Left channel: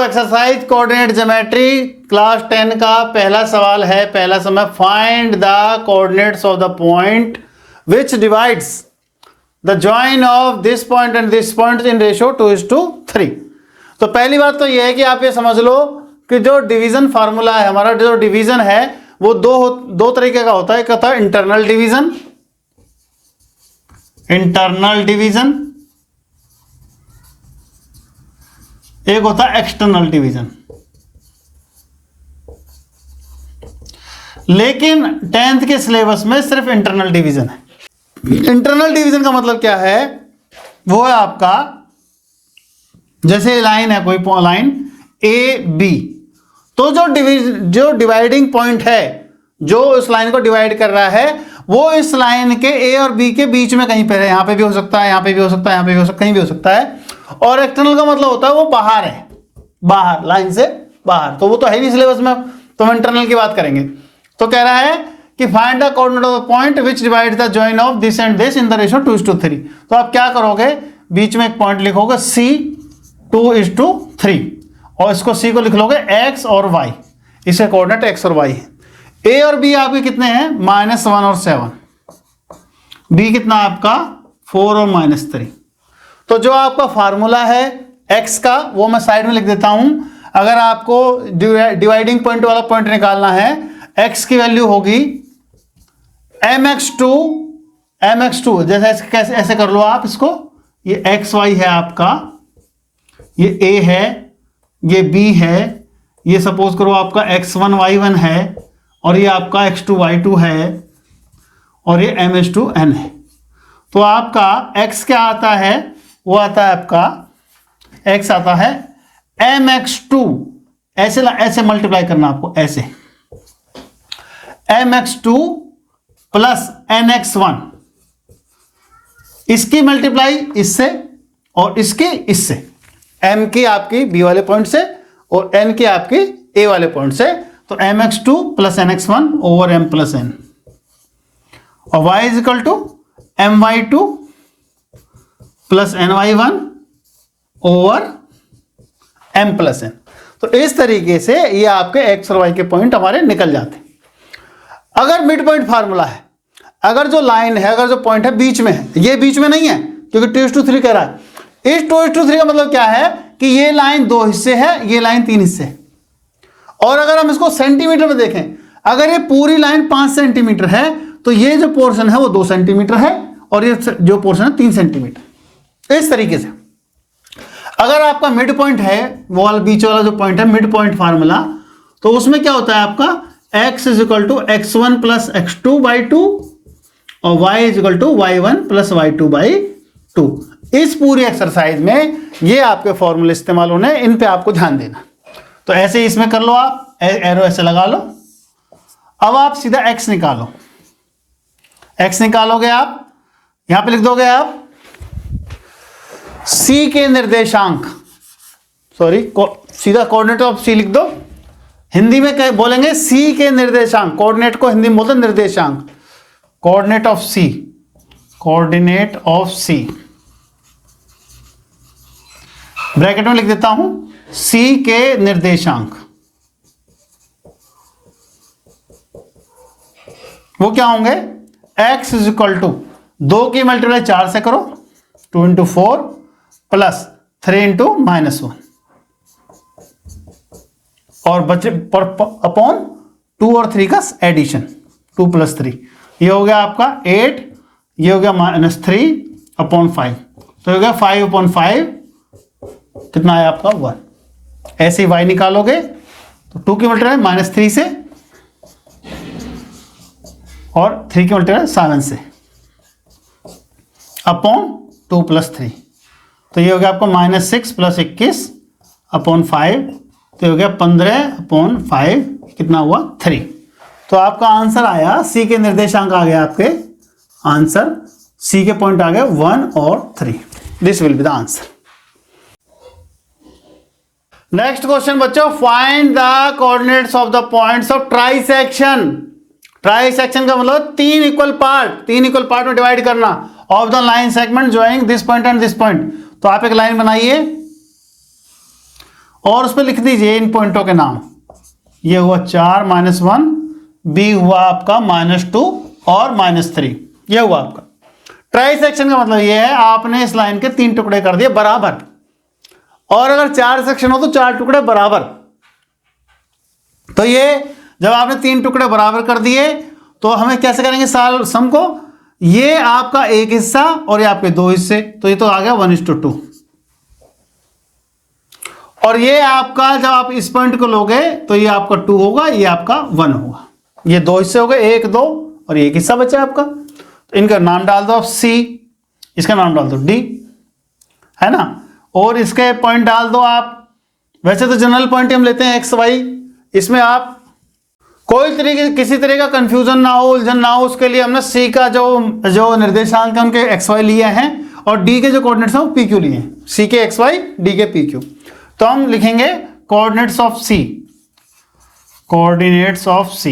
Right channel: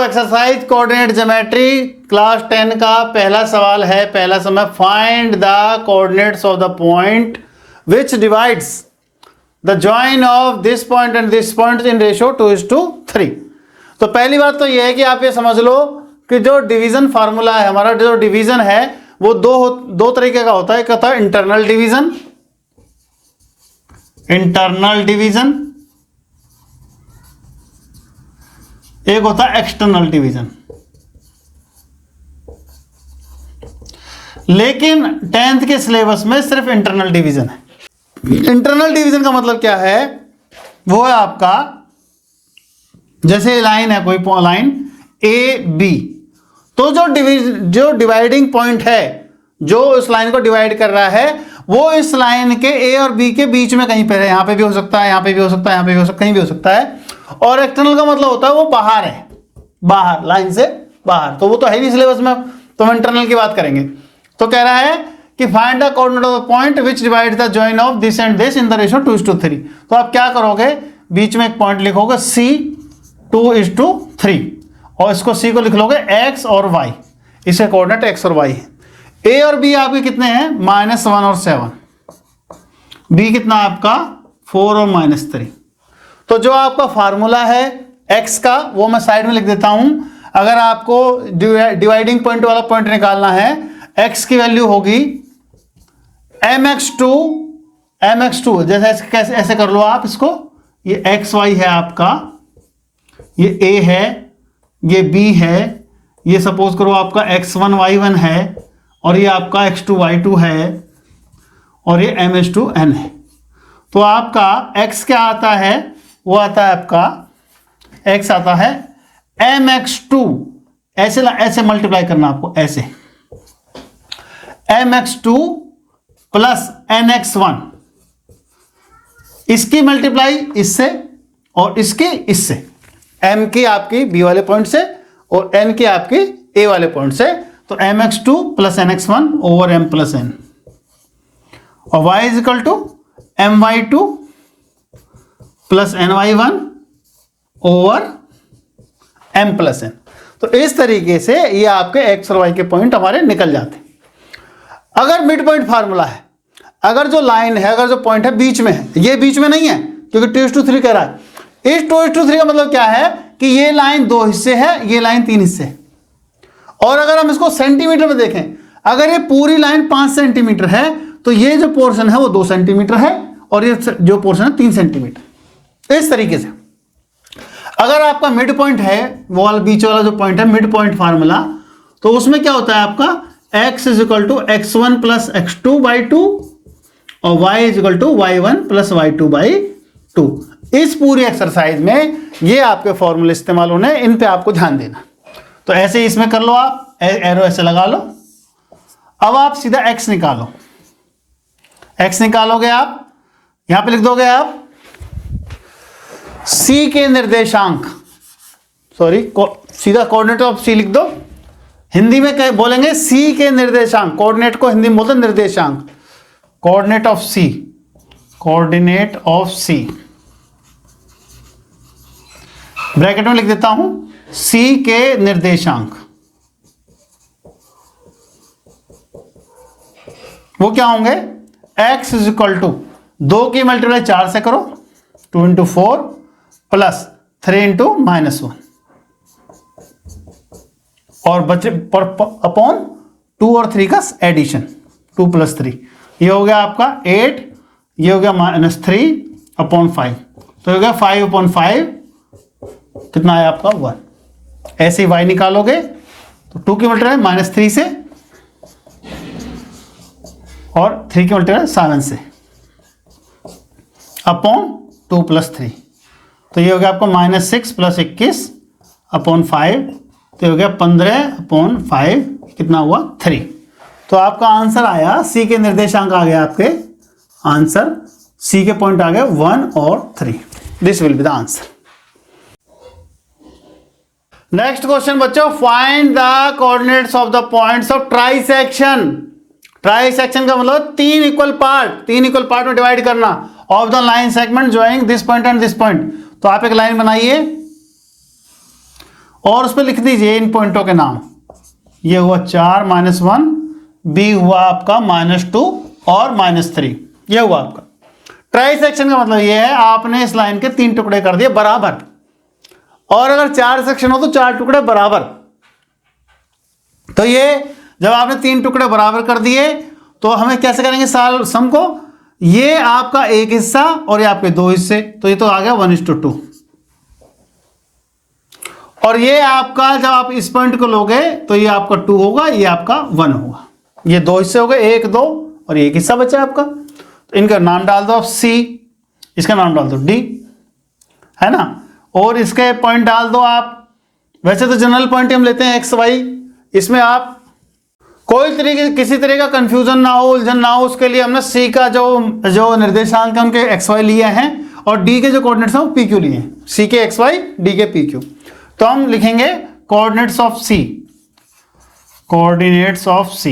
Exercise coordinate geometry class 10 का पहला सवाल है। पहला समय find the coordinates of the point which divides the join of this point and this point in ratio 2:3। तो पहली बात तो यह है कि आप ये समझ लो कि जो डिवीजन फार्मूला है, हमारा जो डिवीजन है वो दो तरीके का होता है। एक होता है इंटरनल डिवीजन, एक होता है एक्सटर्नल डिवीजन। लेकिन 10th के सिलेबस में सिर्फ इंटरनल डिवीजन है। इंटरनल डिवीजन का मतलब क्या है? वो है आपका जैसे लाइन है, कोई लाइन ए बी, तो जो डिवाइडिंग पॉइंट है, जो इस लाइन को डिवाइड कर रहा है, वो इस लाइन के ए और बी के बीच में कहीं पे है। यहां पे भी हो सकता है, यहां पे भी हो सकता है, यहां पे भी हो सकता है, कहीं भी हो सकता है। और एक्सटर्नल का मतलब होता है वो बाहर है, बाहर, लाइन से बाहर। तो वो तो है नहीं सिलेबस में, तो हम इंटरनल की बात करेंगे। तो कह रहा है कि find the coordinate of the point which divide the join of this and this in the ratio 2:3। तो आप क्या करोगे, बीच में एक पॉइंट लिखोगे C 2:3 और इसको C को लिख लोगे x और y। इसका कोऑर्डिनेट x और y है। A और B आपके कितने हैं? -1 और 7। B कितना आपका 4 और -3। तो जो आपका फार्मूला है x का वो मैं साइड में लिख देता हूं। अगर आपको डिवाइडिंग पॉइंट वाला पॉइंट निकालना है, x की वैल्यू होगी mx2 जैसे कैसे ऐसे कर लो आप इसको। ये xy है आपका, ये a है, ये b है, ये सपोज करो आपका x1 y1 है, और ये आपका x2 y2 है, और ये ms2 n है। तो आपका x क्या आता है? वो आता है आपका x आता है mx2, ऐसे मल्टीप्लाई करना आपको, ऐसे mx2 प्लस nx1, इसकी मल्टीप्लाई इससे और इसके इससे, m की आपकी b वाले पॉइंट से और n की आपकी a वाले पॉइंट से। तो mx2 plus nx1 over m plus n, और y is equal to my2 plus ny1 over m plus n। तो इस तरीके से ये आपके x और y के पॉइंट हमारे निकल जाते हैं। अगर मिड पॉइंट फार्मूला है, अगर जो लाइन है, अगर जो पॉइंट है बीच में है, ये बीच में नहीं है क्योंकि 2:3 कह रहा है। इस 2:3 का मतलब क्या है कि ये लाइन 2 हिस्से है, ये लाइन 3 हिस्से। और अगर हम इसको सेंटीमीटर में देखें, अगर ये पूरी लाइन 5 सेंटीमीटर है तो ये जो पोर्शन है वो 2 सेंटीमीटर है, और ये जो पोर्शन है 3 सेंटीमीटर। इस तरीके से अगर आपका मिड पॉइंट है, वो वाला बीच वाला जो पॉइंट है, मिड पॉइंट फार्मूला, तो उसमें क्या होता है आपका x is equal to x1 plus x2/2 और y is equal to y1 plus y2/2। इस पूरी एक्सरसाइज में ये आपके फॉर्मूले इस्तेमाल होने, इन पे आपको ध्यान देना। तो ऐसे ही इसमें कर लो, आप एरो ऐसे लगा लो। अब आप सीधा x निकालो। x निकालोगे आप, यहां पे लिख दोगे आप c के निर्देशांक, सीधा कोऑर्डिनेट ऑफ c लिख दो। हिंदी में क्या बोलेंगे? c के निर्देशांक। कोऑर्डिनेट को हिंदी में बोलते हैं निर्देशांक। Coordinate of c, coordinate of c bracket में लिख देता हूं, c के निर्देशांक वो क्या होंगे? x इज इक्वल टू 2 की मल्टीप्लाई 4 से करो, 2 × 4 प्लस 3 × -1, और बचे अपॉन 2 और 3 का एडिशन, 2 + 3, ये हो गया आपका 8, ये हो गया -3 अपॉन 5, तो हो गया 5/5, कितना है आपका 1। ऐसे ही y निकालोगे तो 2 की मल्टीप्लाई -3 से और 3 की मल्टीप्लाई 7 से अपॉन 2 + 3, तो ये हो गया आपका -6 + 21 अपॉन 5, तो हो गया 15/5, कितना हुआ 3। तो आपका आंसर आया, सी के निर्देशांक आ गया आपके आंसर, सी के पॉइंट आ गए 1 और 3। This will be the answer. Next question बच्चों, find the coordinates of the points of trisection. Trisection का मतलब 3 इक्वल पार्ट में डिवाइड करना of the line segment joining this point and this point. तो आप एक लाइन बनाइए और उस पर लिख दीजिए इन पॉइंटों के नाम। ये हुआ 4 -1, बी हुआ आपका -2 और -3, ये हुआ आपका ट्राई सेक्शन का मतलब ये है आपने इस लाइन के 3 टुकड़े कर दिए बराबर, और अगर 4 सेक्शन हो तो 4 टुकड़े बराबर। तो ये जब आपने 3 टुकड़े बराबर कर दिए तो हमें कैसे करेंगे सम को, ये आपका एक हिस्सा और ये आपके 2 हिस्से, तो ये तो आ गया 1:2। और ये आपका जब आप इस पॉइंट को लोगे तो ये आपका 2 होगा, ये आपका 1 होगा। ये 2 हिस्से हो गए, 1 2 और एक हिस्सा बचा आपका। तो इनका नाम डाल दो आप C, इसका नाम डाल दो D, है ना, और इसके पॉइंट डाल दो आप। वैसे तो जनरल पॉइंट हम लेते हैं x y, इसमें आप कोई तरीके किसी तरह का कंफ्यूजन ना हो, उलझन ना हो, उसके लिए हमने C का जो निर्देशांक है उनके x y लिए हैं और D के जो कोऑर्डिनेट्स हैं वो PQ लिए हैं। C के x y, D के PQ। तो हम लिखेंगे coordinates of C, coordinates of C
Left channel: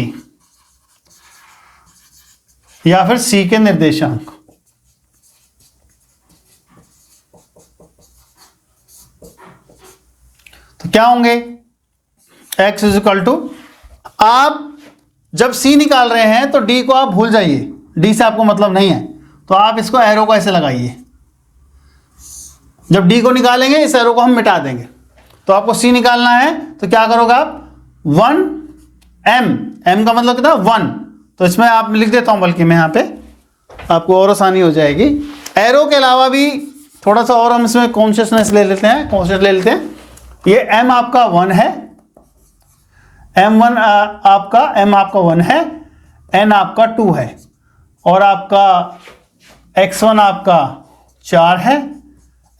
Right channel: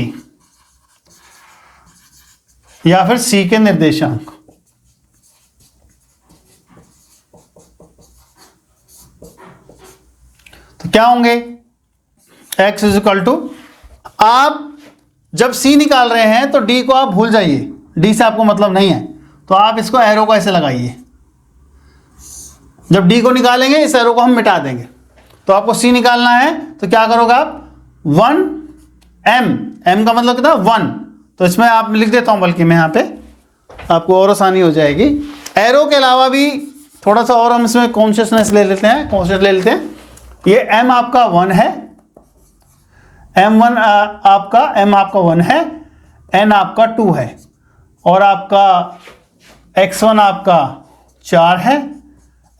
या फिर C के निर्देशांक। तो क्या होंगे, x = आप जब C निकाल रहे हैं तो D को आप भूल जाइए, D से आपको मतलब नहीं है, तो आप इसको एरो को ऐसे लगाइए। जब D को निकालेंगे इस एरो को हम मिटा देंगे। तो आपको C निकालना है तो क्या करोगे आप, 1 m का मतलब कितना 1, तो इसमें आप लिख देता हूं बल्कि मैं यहाँ पे, आपको और आसानी हो जाएगी। एरो के अलावा भी थोड़ा सा और हम इसमें कॉन्शियसनेस ले लेते हैं, ये m आपका 1 है, m आपका 1 है, n आपका 2 है, और आपका x1 आपका 4 है,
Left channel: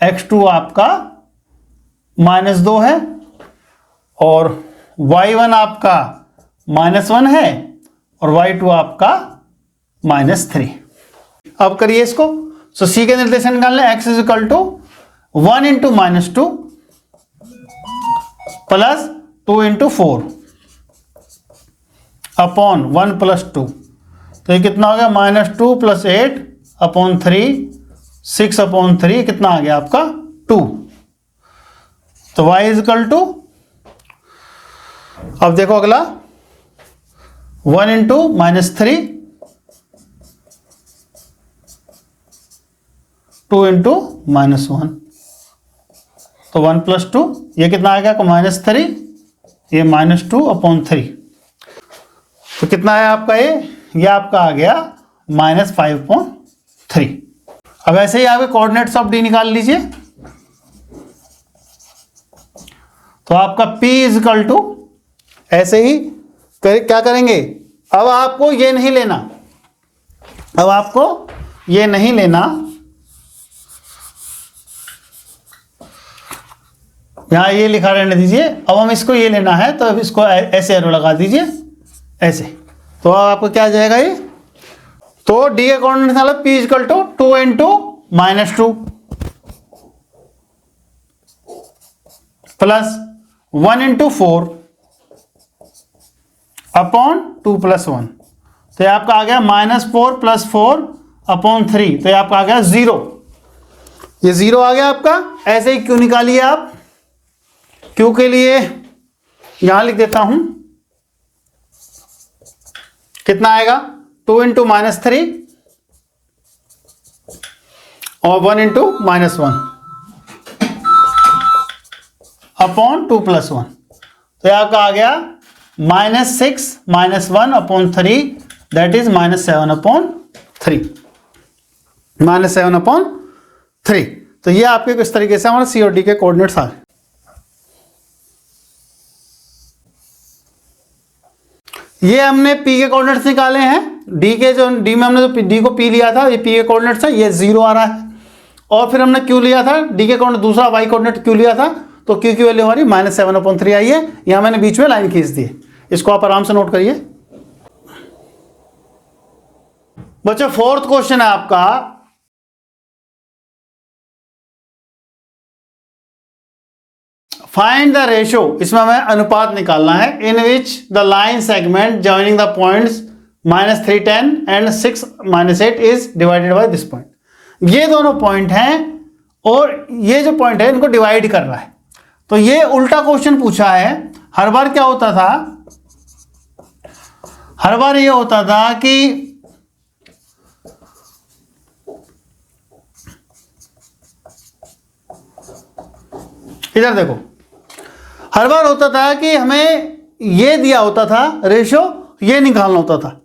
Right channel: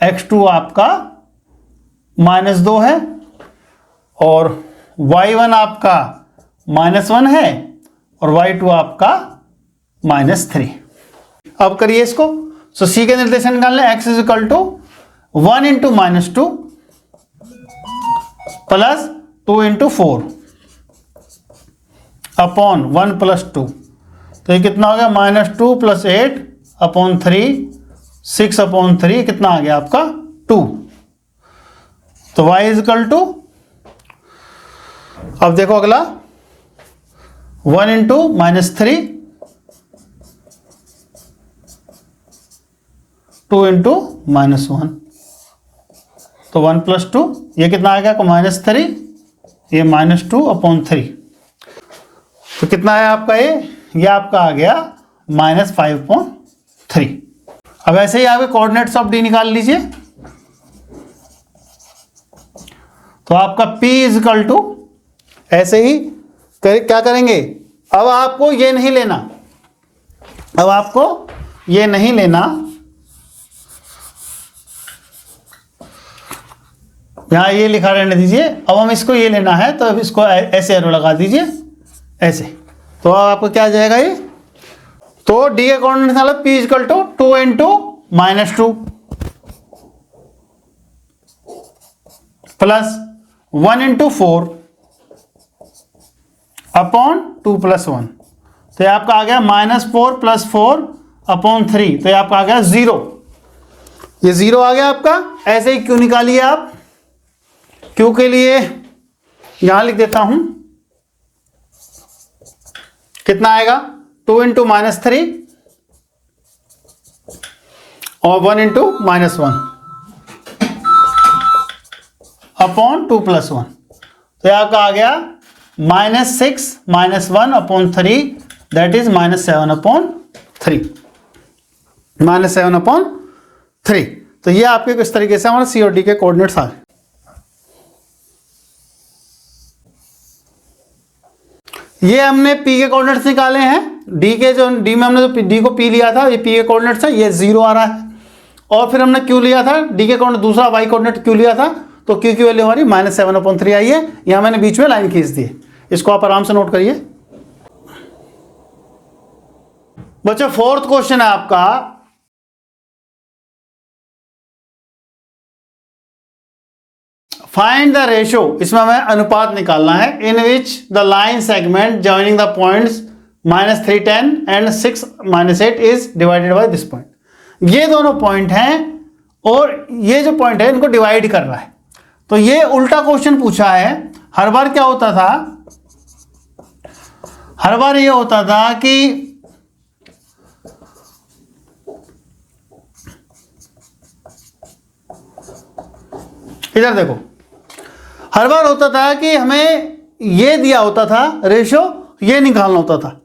x2 आपका -2 है, और y1 आपका -1 है, और y2 आपका -3। अब करिए इसको। सो C के निर्देशांक निकाल लें, x = 1 × -2 प्लस 2 × 4 अपॉन 1 + 2, तो ये कितना हो गया, -2 + 8 अपॉन 3, 6 अपॉन 3, कितना आ गया आपका 2। तो y = अब देखो अगला 1 × -3, 2 × -1, तो 1 + 2, ये कितना आ गया -3, ये -2 अपॉन 3, तो कितना है आपका ये आपका आ गया -5/3। अब ऐसे ही आपके कोऑर्डिनेट्स ऑफ D निकाल लीजिए। तो आपका P = ऐसे ही क्या करेंगे, अब आपको ये नहीं लेना, यहाँ ये लिखा रहने दीजिए। अब इसको ये लेना है तो आप इसको ऐसे एरो लगा दीजिए, ऐसे, तो आपको क्या आ जाएगा ये, तो D के कोऑर्डिनेट निकालो, P = 2 × -2 प्लस 1 × 4 अपॉन 2 + 1, तो ये आपका आ गया -4 + 4 अपॉन 3, तो ये आपका आ गया 0। ये 0 आ गया आपका। ऐसे ही क्यों निकालिए आप, क्यों के लिए यहां लिख देता हूं, कितना आएगा, 2 × -3 और 1 × -1 अपॉन 2 + 1, तो आपका आ गया -6 - 1 अपॉन 3, दैट इज -7/3, -7/3। तो ये आपके किस तरीके से हमारे C और D के कोऑर्डिनेट्स आ गए। ये हमने P के कोऑर्डिनेट्स निकाले हैं, D में हमने तो D को P लिया था, ये P के कोऑर्डिनेट्स है, ये 0 आ रहा है, और फिर हमने Q लिया था, D के कोऑर्डिनेट दूसरा y कोऑर्डिनेट Q लिया था, तो Q की वैल्यू हमारी -7/3 आई है। यहाँ मैंने बीच में लाइन खींच दी, इसको आप आराम से नोट करिए। बच्चों 4th क्वेश्चन है आपका, फाइंड द रेशो, इसमें हमें अनुपात निकालना है, in which the line segment joining the points -310 and 6 - 8 is divided by this point. ये दोनों पॉइंट है और ये जो पॉइंट है इनको डिवाइड कर रहा है, तो ये उल्टा क्वेश्चन पूछा है। हर बार क्या होता था, हर बार ये होता था कि इधर देखो, हर बार होता था कि हमें ये दिया होता था रेशो, ये निकालना होता था।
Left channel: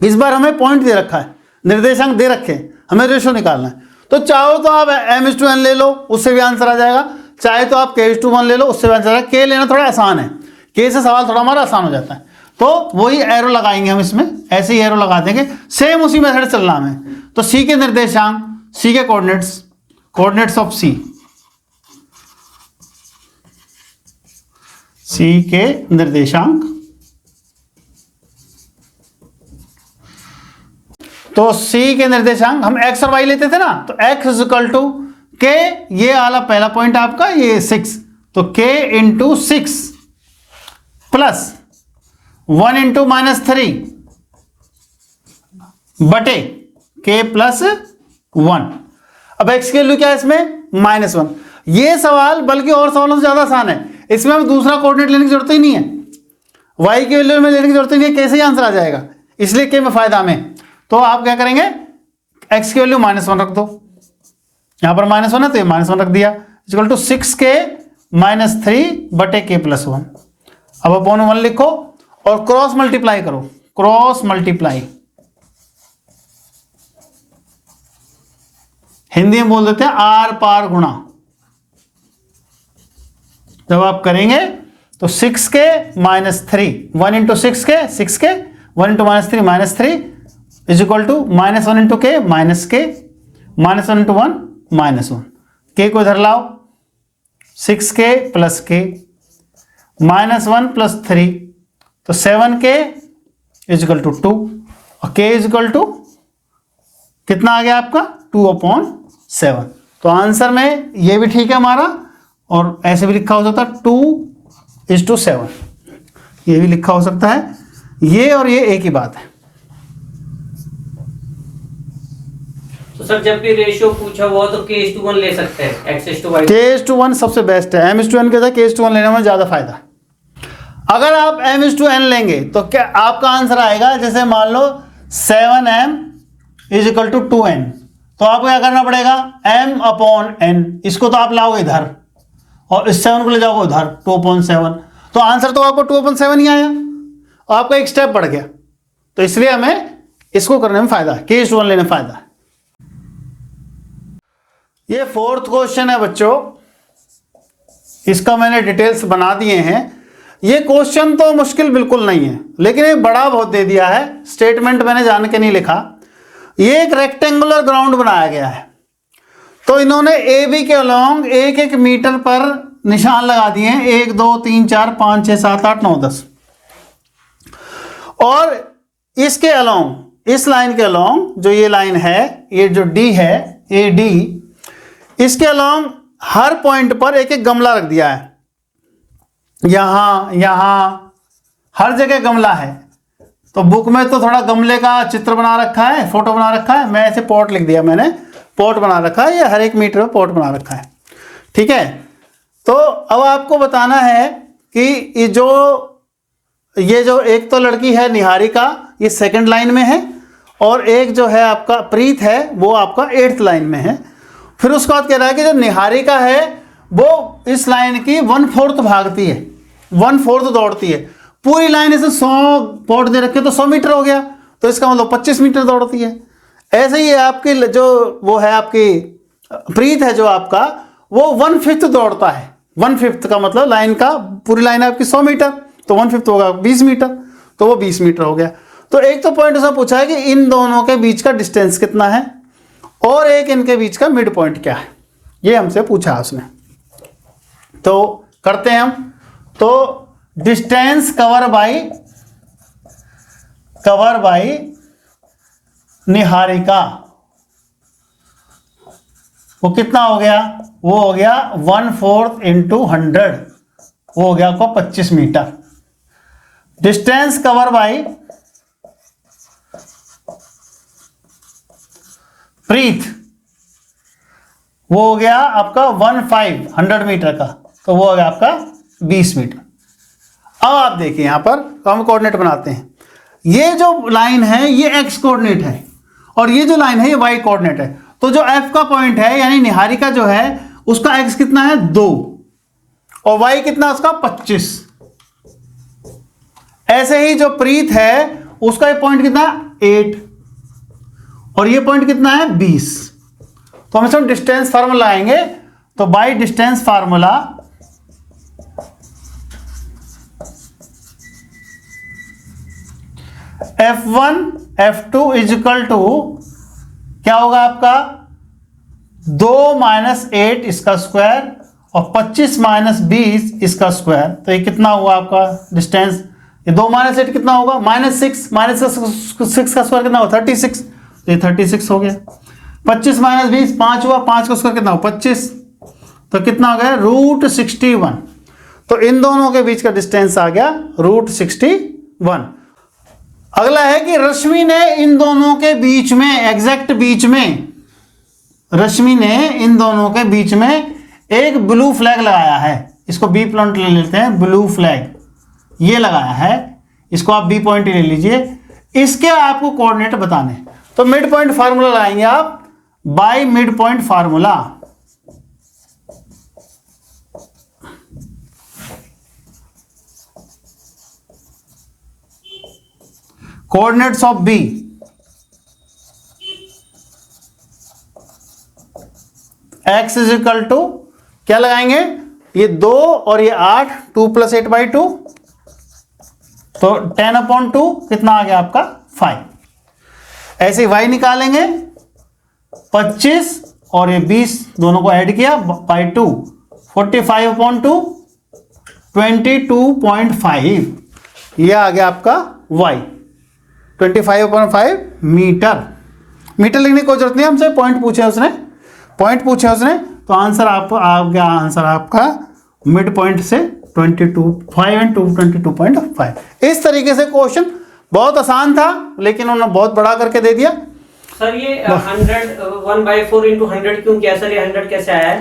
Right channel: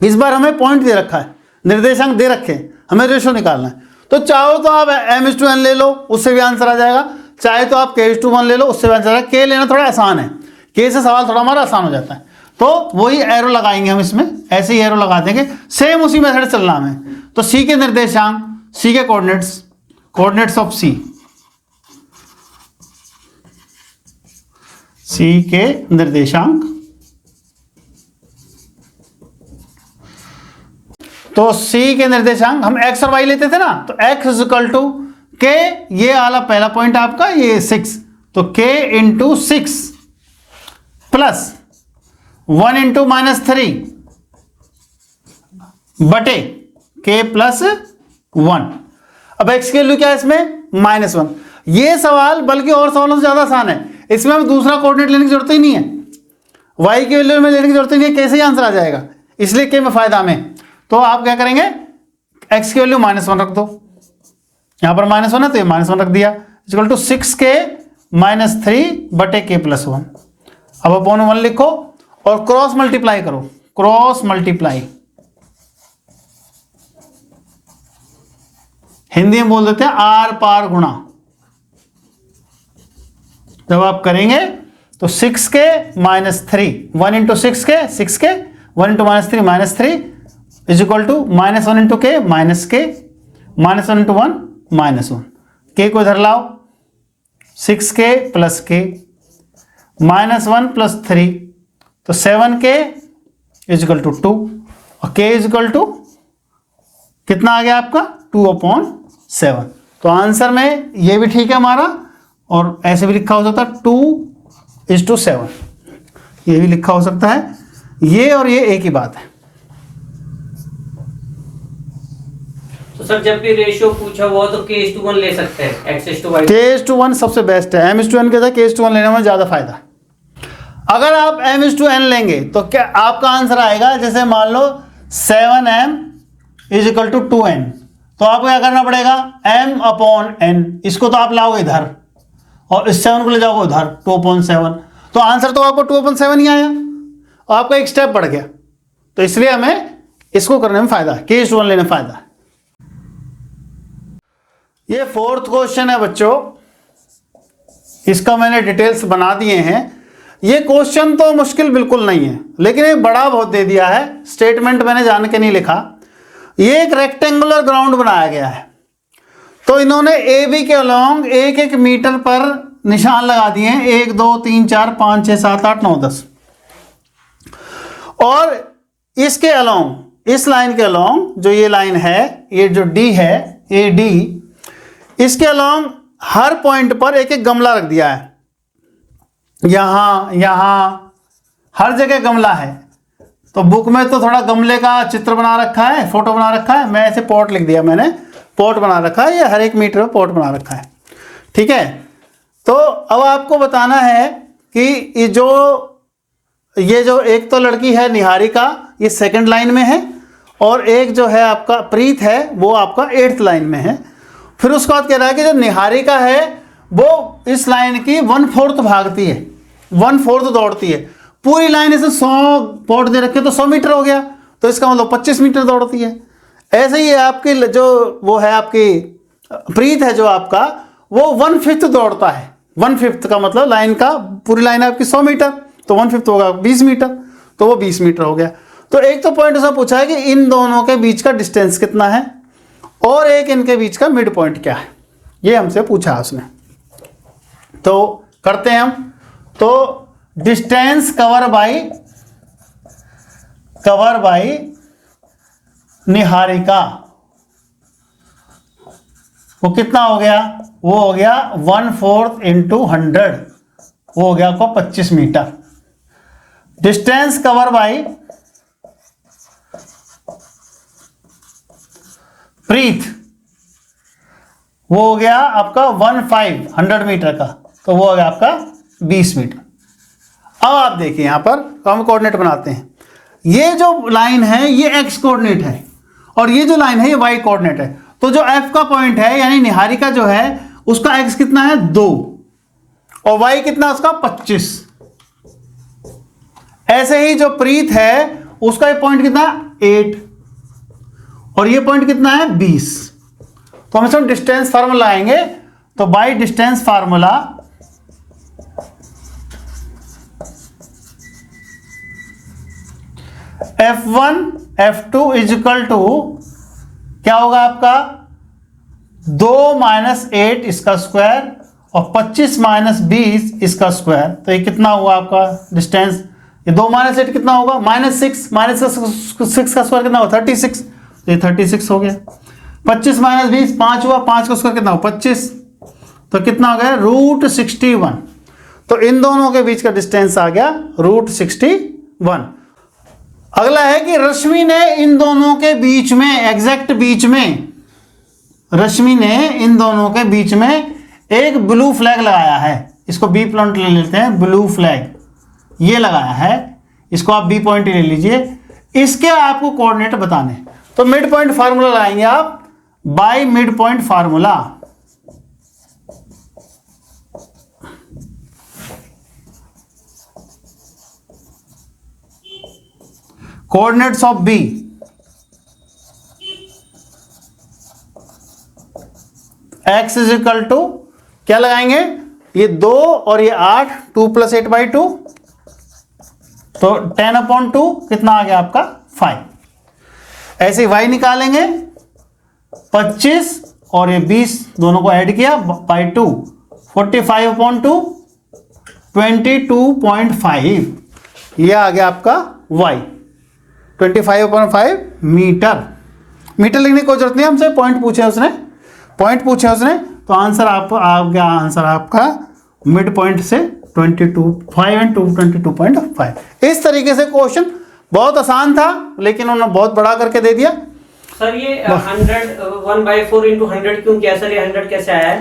इस बार हमें पॉइंट दे रखा है, निर्देशांक दे रखे हैं, हमें रेशो निकालना है। तो चाहो तो आप m/n ले लो, उससे भी आंसर आ जाएगा, चाहे तो आप k/1 ले लो, उससे भी आंसर आएगा। k लेना थोड़ा आसान है, k से सवाल थोड़ा हमारा आसान हो जाता है। तो वही एरो लगाएंगे हम इसमें, ऐसे ही एरो लगा देंगे, सेम उसी मेथड चल रहा है। तो c के निर्देशांक, c के कोऑर्डिनेट्स ऑफ c के निर्देशांक, तो c के निर्देशांक हम x और y लेते थे ना, तो x इक्वल टू k, ये वाला पहला पॉइंट आपका, ये 6, तो k इंटू 6 प्लस 1 इंटू -3 बटे k प्लस 1। अब x की वैल्यू क्या है इसमें, -1। ये सवाल बल्कि और सवालों से ज्यादा आसान है, इसमें दूसरा कोऑर्डिनेट लेने की जरूरत ही नहीं है, y की वैल्यू में लेने की जरूरत नहीं है, कैसे ही आंसर आ जाएगा, इसलिए k में फायदा में। तो आप क्या करेंगे, x की वैल्यू -1 रख दो, यहां पर -1 है तो -1 रख दिया, इक्वल टू 6k -3 बटे k प्लस 1। अब अपॉन 1 लिखो और क्रॉस मल्टीप्लाई करो, क्रॉस मल्टीप्लाई हिंदी में बोल देते हैं आर पार गुणा। जब आप करेंगे तो 6k -3, 1 into 6k 6k, 1 into -3 is equal to -1 into k -k, -1 into 1 -1, k को इधर लाओ, 6k प्लस k -1 प्लस 3, तो 7k इज इक्वल टू 2, और k इज इक्वल टू कितना आ गया आपका, 2/7। तो आंसर में ये भी ठीक है हमारा, और ऐसे भी लिखा हो सकता है 2:7, ये भी लिखा हो सकता है, ये और ये एक ही बात है। तो सर जब भी रेशियो पूछा हुआ तो k/1 ले सकते हैं, x/y। k/1 सबसे बेस्ट है, m/n के साथ k/1 लेने में ज्यादा फायदा। अगर आप m/n लेंगे तो क्या आपका आंसर आएगा, जैसे मान लो 7m is equal to 2n, तो आपको क्या करना पड़ेगा, m/n, इसको तो आप लाओगे इधर और इस 7 को ले जाओगे उधर, 2/7, तो आंसर तो आपको 2/7 ही आया, आपका एक स्टेप बढ़ गया। तो इसलिए हमें इसको करने में फायदा है, k/1 लेने में फायदा है। ये 4th क्वेश्चन है बच्चों, इसका मैंने डिटेल्स बना दिए हैं। ये क्वेश्चन तो मुश्किल बिल्कुल नहीं है, लेकिन ये बड़ा बहुत दे दिया है, स्टेटमेंट मैंने जान के नहीं लिखा। ये एक रेक्टेंगुलर ग्राउंड बनाया गया है, तो इन्होंने ए बी के अलोंग 1-1 मीटर पर निशान लगा दिए हैं, 1 2 3 4 5 6 7 8 9 10, और इसके अलोंग, इस लाइन के अलोंग जो ये लाइन है, ये जो डी है, ए डी, इसके अलोंग हर पॉइंट पर 1-1 गमला रख दिया है, यहां हर जगह गमला है। तो बुक में तो थोड़ा गमले का चित्र बना रखा है, फोटो बना रखा है, मैं ऐसे पॉट लिख दिया, मैंने पॉट बना रखा है, ये हर 1 मीटर में पॉट बना रखा है, ठीक है। तो अब आपको बताना है कि ये जो एक तो लड़की है निहारिका, ये 2nd लाइन में है, और एक जो है आपका प्रीत है, वो आपका 8th लाइन में है। फिर उसके बाद कह रहा है कि जो निहारिका है वो इस लाइन की 1/4 भागती है, 1/4 दौड़ती है, पूरी लाइन इसे 100 पॉट दे रखे तो 100 मीटर हो गया, तो इसका मतलब 25 मीटर दौड़ती है। ऐसे ही आपकी जो वो है आपकी प्रीत है, जो आपका वो 1/5 दौड़ता है, 1/5 का मतलब लाइन का, पूरी लाइन है आपकी 100 मीटर, तो 1/5 होगा 20 मीटर, तो वो 20 मीटर हो गया। तो एक तो पॉइंट ऐसा पूछा है कि इन दोनों के बीच का डिस्टेंस कितना है, और एक इनके बीच का मिड पॉइंट क्या है, ये हमसे पूछा उसने। तो करते हैं हम, तो डिस्टेंस कवर बाय निहारिका, वो कितना हो गया, वो हो गया 1/4 × 100, वो हो गया आपका 25 मीटर। डिस्टेंस कवर बाय प्रीत, वो हो गया आपका 1/5 100 मीटर का, तो वो हो गया आपका 20 मीटर। अब आप देखिए यहां पर तो हम कोऑर्डिनेट बनाते हैं। ये जो लाइन है ये एक्स कोऑर्डिनेट है और ये जो लाइन है ये वाई कोऑर्डिनेट है। तो जो एफ का पॉइंट है यानी निहारिका जो है उसका एक्स कितना है 2 और वाई कितना उसका 25। ऐसे ही जो प्रीत है उसका पॉइंट कितना 8 और ये पॉइंट कितना है 20। तो हम सब डिस्टेंस फार्मूला आएंगे। तो by distance formula F1 F2 is equal to क्या होगा आपका 2 माइनस 8 इसका स्क्वायर और 25 माइनस 20 इसका स्क्वायर। तो ये कितना हुआ आपका डिस्टेंस, ये 2 माइनस 8 कितना होगा -6 माइनस 6 का स्क्वायर कितना होगा 36। तो ये 36 हो गया। 25 माइनस 20 5 हुआ, 5 का स्क्वायर कितना हुआ 25। तो कितना हो गया √61। तो इन दोनों के बीच का डिस्टेंस आ गया √61। अगला है कि रश्मि ने इन दोनों के बीच में एग्जैक्ट बीच में रश्मि ने इन दोनों के बीच में एक ब्लू फ्लैग लगाया है। इसको बी पॉइंट ले लेते हैं, ब्लू फ्लैग ये लगाया है, इसको आप बी पॉइंट ले लीजिए। इसके आपको कोऑर्डिनेट बताने, तो मिड पॉइंट फार्मूला लगाएंगे आप by midpoint formula. Coordinates of B X is equal to क्या लगाएंगे, ये 2 और ये 8, 2 + 8/2 तो 10/2 कितना आ गया आपका 5। ऐसे y निकालेंगे 25 और ये 20 दोनों को ऐड किया बाय 2 45/2 22.5 ये आ गया आपका y 25/5 मीटर। मीटर लिखने की कोई जरूरत नहीं, हमसे पॉइंट पूछे उसने तो आंसर आपको आ गया, आंसर आपका मिड पॉइंट से 22.5 and 22.5। इस तरीके से क्वेश्चन बहुत आसान था लेकिन उन्होंने बहुत बड़ा करके दे दिया। सर ये 100 1/4 × 100 क्यों किया सर, ये 100 कैसे आया है?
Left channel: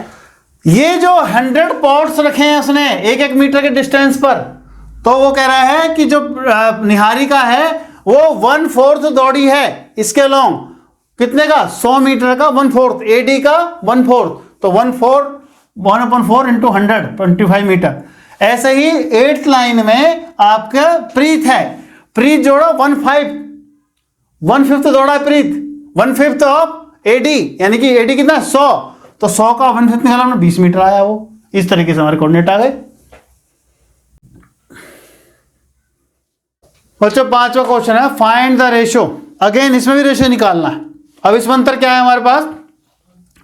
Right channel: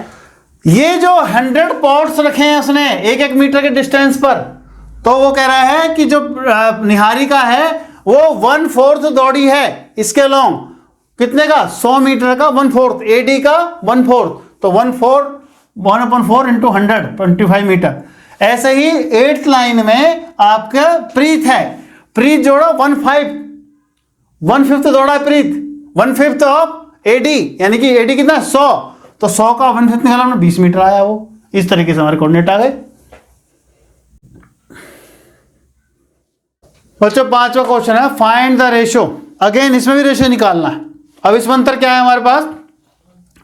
ये जो 100 पॉट्स रखे हैं उसने 1-1 मीटर के डिस्टेंस पर, तो वो कह रहा है कि जो निहारिका है वो 1/4 दौड़ी है इसके लॉन्ग, कितने का 100 मीटर का 1/4, AD का 1/4 तो 1/4 1/4 × 100 25 मीटर। ऐसे ही 8th लाइन में आपके प्रीत है, प्रीत जोड़ो 1/5 दौड़ा प्रीत 1/5 ऑफ AD यानी कि AD कितना 100 तो 100 का 1/5 निकाला हमने 20 मीटर आया। वो इस तरीके से हमारे कोऑर्डिनेट आ गए। बच्चों 5वां क्वेश्चन है फाइंड द रेशियो। अगेन इसमें भी रेशियो निकालना है। अब इसमें अंतर क्या है हमारे पास,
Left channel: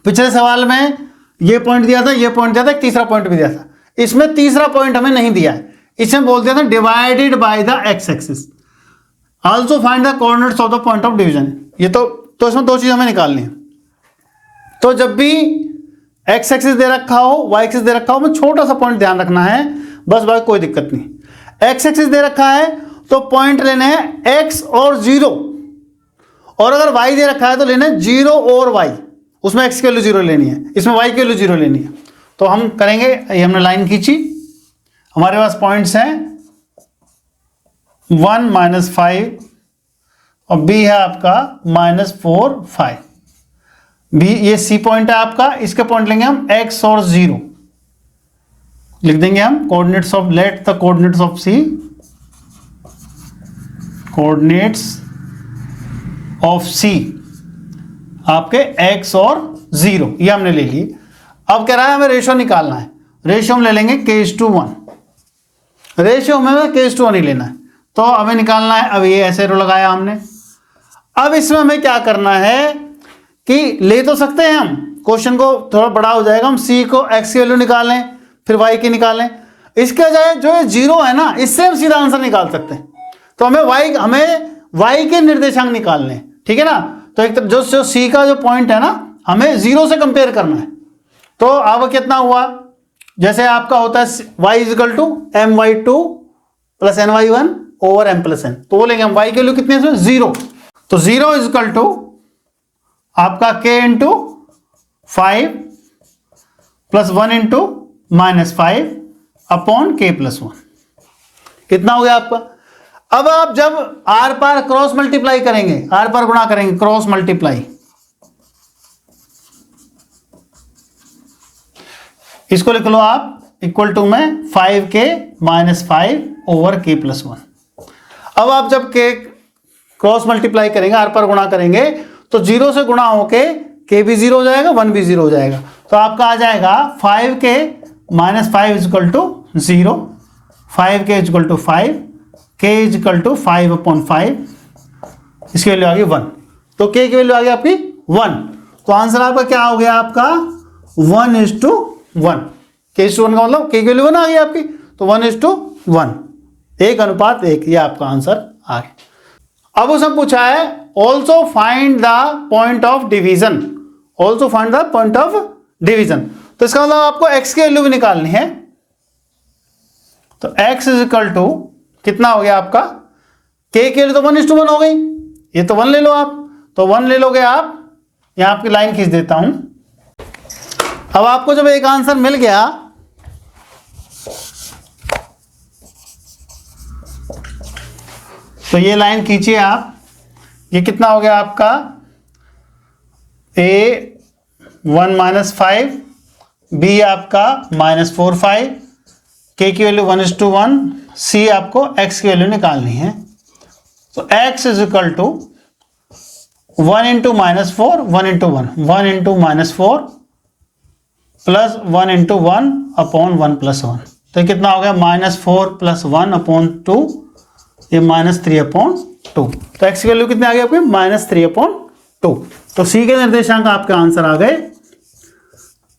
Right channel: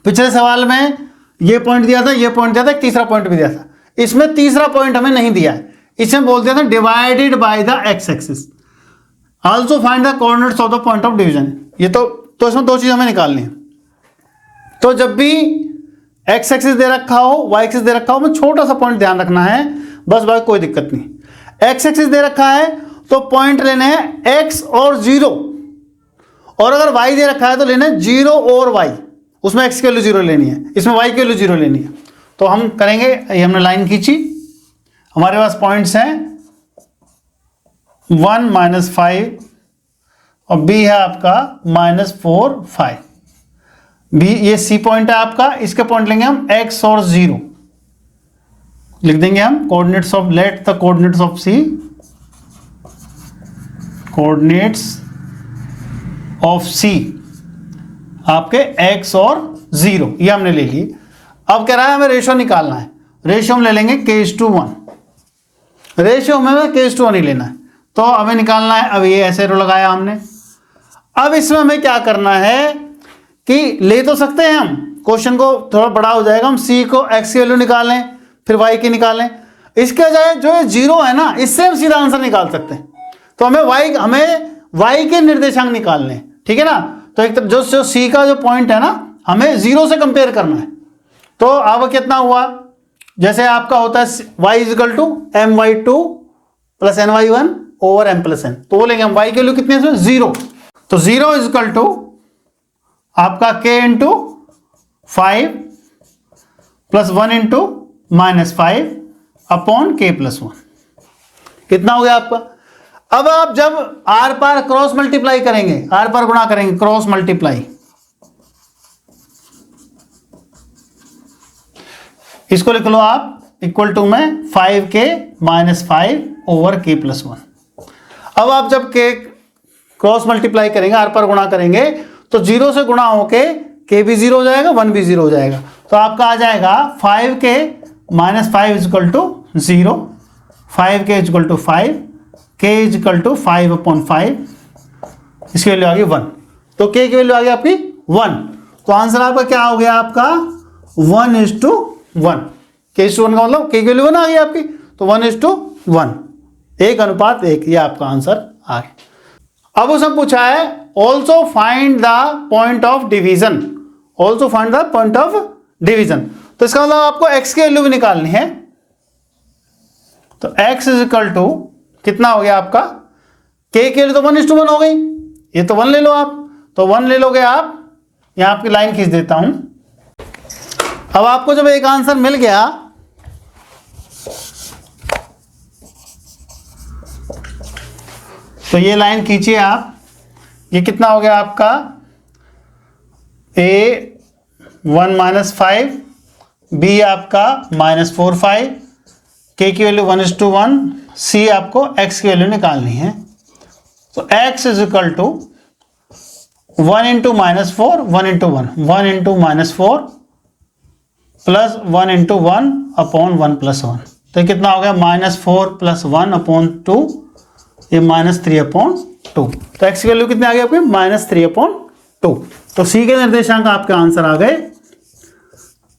पिछले सवाल में ये पॉइंट दिया था, ये पॉइंट दिया था, एक तीसरा पॉइंट भी दिया था। इसमें तीसरा पॉइंट हमें नहीं दिया है, इसमें बोल दिया था divided by the x axis. Also find the coordinates of the point of division. ये तो इसमें 2 चीज हमें निकालनी है। तो जब भी एक्स एक्सिस दे रखा हो, वाई एक्सिस दे रखा हो, वो छोटा सा पॉइंट ध्यान रखना है बस भाई, कोई दिक्कत नहीं। एक्स एक्सिस दे रखा है तो पॉइंट लेने हैं एक्स और 0, और अगर y दे रखा है तो लेना है 0 और y, उसमें x की वैल्यू 0 लेनी है, इसमें y की वैल्यू 0 लेनी है। तो हम करेंगे, ये हमने लाइन खींची, हमारे पास पॉइंट्स हैं 1 -5 और b है आपका -4 5। b ये c पॉइंट है आपका, इसके पॉइंट लेंगे हम x और 0 लिख देंगे हम। Coordinates of let the coordinates of c, coordinates of C आपके x और 0 ये हमने ले लिए। अब कह रहा है हमें रेशियो निकालना है, रेशियो हम ले लेंगे k:1, रेशियो में k:1 ही लेना है। तो हमें निकालना है, अब ये ऐसे एरो लगाया हमने। अब इसमें हमें क्या करना है कि ले तो सकते हैं हम, क्वेश्चन को थोड़ा बड़ा हो जाएगा, हम C को x की वैल्यू निकालें फिर y की निकालें, इसके बजाय जो 0 है ना इससे हम सीधा आंसर निकाल सकते हैं। तो हमें y के निर्देशांक निकालने, ठीक है ना। तो एक जो C का जो पॉइंट है ना हमें 0 से कंपेयर करना है। तो अब कितना हुआ, जैसे आपका होता है y = my2 + ny1 / m+n, तो वो लेंगे हम y के लिए कितने से 0, तो 0 = आपका k × 5 + 1 × -5 अपॉन k + 1। कितना हो गया आपका? अब आप जब आर पार क्रॉस मल्टीप्लाई करेंगे, आर पार गुणा करेंगे, क्रॉस मल्टीप्लाई, इसको लिख लो आप इक्वल टू में 5k - 5 ओवर k + 1। अब आप जब k क्रॉस मल्टीप्लाई करेंगे, आर पार गुणा करेंगे, तो 0 से गुणा होके k भी 0 हो जाएगा, 1 भी 0 हो जाएगा। तो आपका आ जाएगा 5k - 5 = 0, 5k = 5, k = 5 अपॉन 5, इसकी वैल्यू आ गई 1। तो k की वैल्यू आ गई आपकी 1। तो आंसर आपका क्या हो गया? आपका 1:1। k/1 का मतलब k की वैल्यू 1 आ गई आपकी, तो 1:1, 1:1, ये आपका आंसर आ गया। अब उसने पूछा है also find the point of division, also find the point of division. तो इसका मतलब आपको x की वैल्यू भी निकालनी है। तो x = कितना हो गया आपका? k के लिए तो 1:1 हो गई, ये तो 1 ले लो आप, तो 1 ले लोगे आप, यहां आपकी लाइन खींच देता हूं। अब आपको जब एक आंसर मिल गया, तो ये लाइन खींचिए आप, ये कितना हो गया आपका? a 1 - 5, b आपका -4 5, k की वैल्यू 1:1, c आपको x की वैल्यू निकालनी है। तो x = 1 × -4, 1 × 1, 1 × -4 प्लस 1 × 1 अपॉन 1 + 1। तो ये कितना हो गया? -4 + 1 अपॉन 2, ये -3/2। तो x की वैल्यू कितनी आ गई आपके? -3/2। तो c के निर्देशांक आपके आंसर आ गए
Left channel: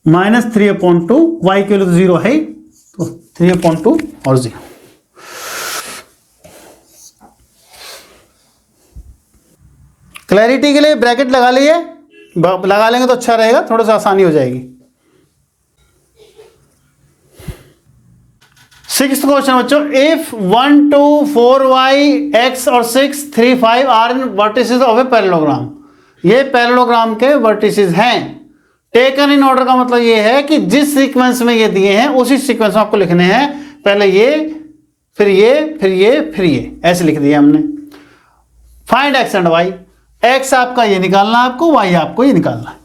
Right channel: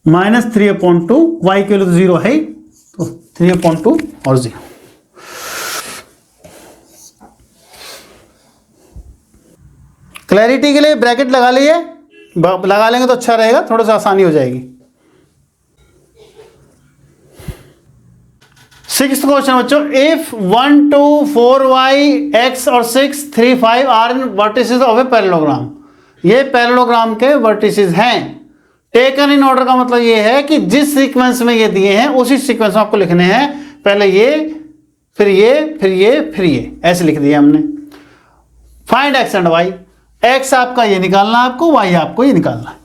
-3/2, y की वैल्यू 0 है, तो 3/2 और 0। क्लैरिटी के लिए ब्रैकेट लगा लिए, लगा लेंगे तो अच्छा रहेगा, थोड़ा सा आसानी हो जाएगी। 6th क्वेश्चन बच्चों, इफ 1 2 4 y x और 6 3 5 are in vertices of a parallelogram, ये पैरेललोग्राम के वर्टिसेस हैं। टेकन इन ऑर्डर का मतलब ये है कि जिस सीक्वेंस में ये दिए हैं उसी सीक्वेंस में आपको लिखने हैं, पहले ये, फिर ये, फिर ये, फिर ये, ऐसे लिख दिया हमने। Find x and y, x आपका ये निकालना है आपको, y आपको ये निकालना है।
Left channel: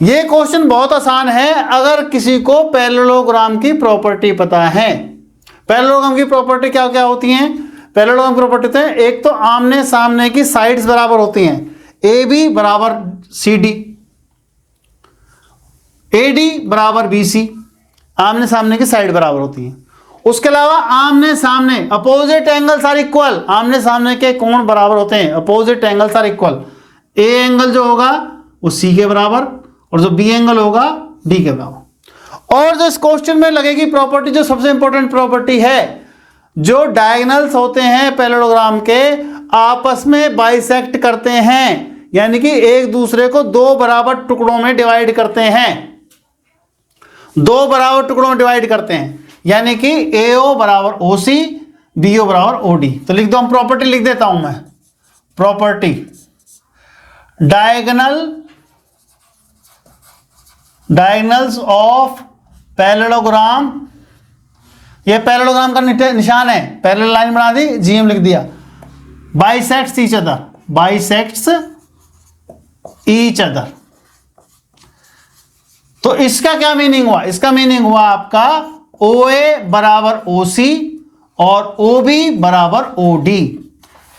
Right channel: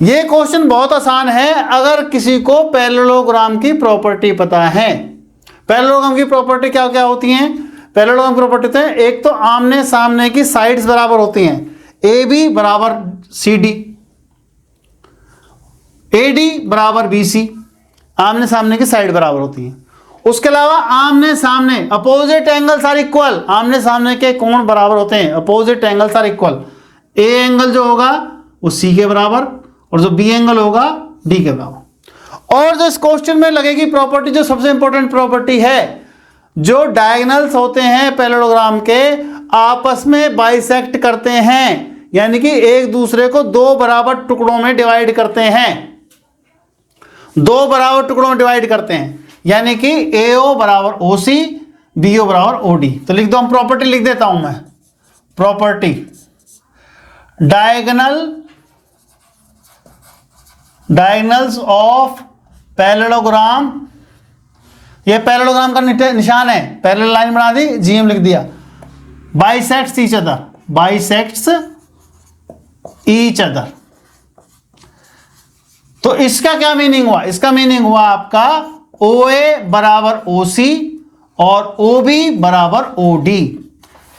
ये क्वेश्चन बहुत आसान है अगर किसी को पैरेललोग्राम की प्रॉपर्टी पता है। पैरेललोग्राम की प्रॉपर्टी क्या क्या होती हैं? पैरेललोग्राम की प्रॉपर्टी है, एक तो आमने सामने की साइड्स बराबर होती हैं, AB = CD, AD = BC, आमने सामने की साइड बराबर होती हैं। उसके अलावा आमने सामने अपोजिट एंगल्स आर इक्वल, आमने सामने के कोण बराबर होते हैं, opposite angles are equal. A angle जो होगा वो सी के बराबर और जो बी एंगल होगा डी के बराबर। और जो इस क्वेश्चन में लगेगी प्रॉपर्टी, जो सबसे इंपॉर्टेंट प्रॉपर्टी है, जो डायगोनल्स होते हैं पैरेललोग्राम के आपस में बाइसेक्ट करते हैं, यानी कि एक दूसरे को दो बराबर टुकड़ों में डिवाइड करते हैं, दो बराबर टुकड़ों में डिवाइड करते हैं, यानी कि AO = OC, BO = OD। तो लिख दो, हम प्रॉपर्टी लिख देता हूं मैं, प्रॉपर्टी डायगोनल्स ऑफ पैरेललोग्राम, ये पैरेललोग्राम का निशान है, पैरेलल लाइन बना दी, GM लिख दिया, bisects each other, bisects each other. तो इसका क्या मीनिंग हुआ? इसका मीनिंग हुआ आपका OA = OC और OB = OD।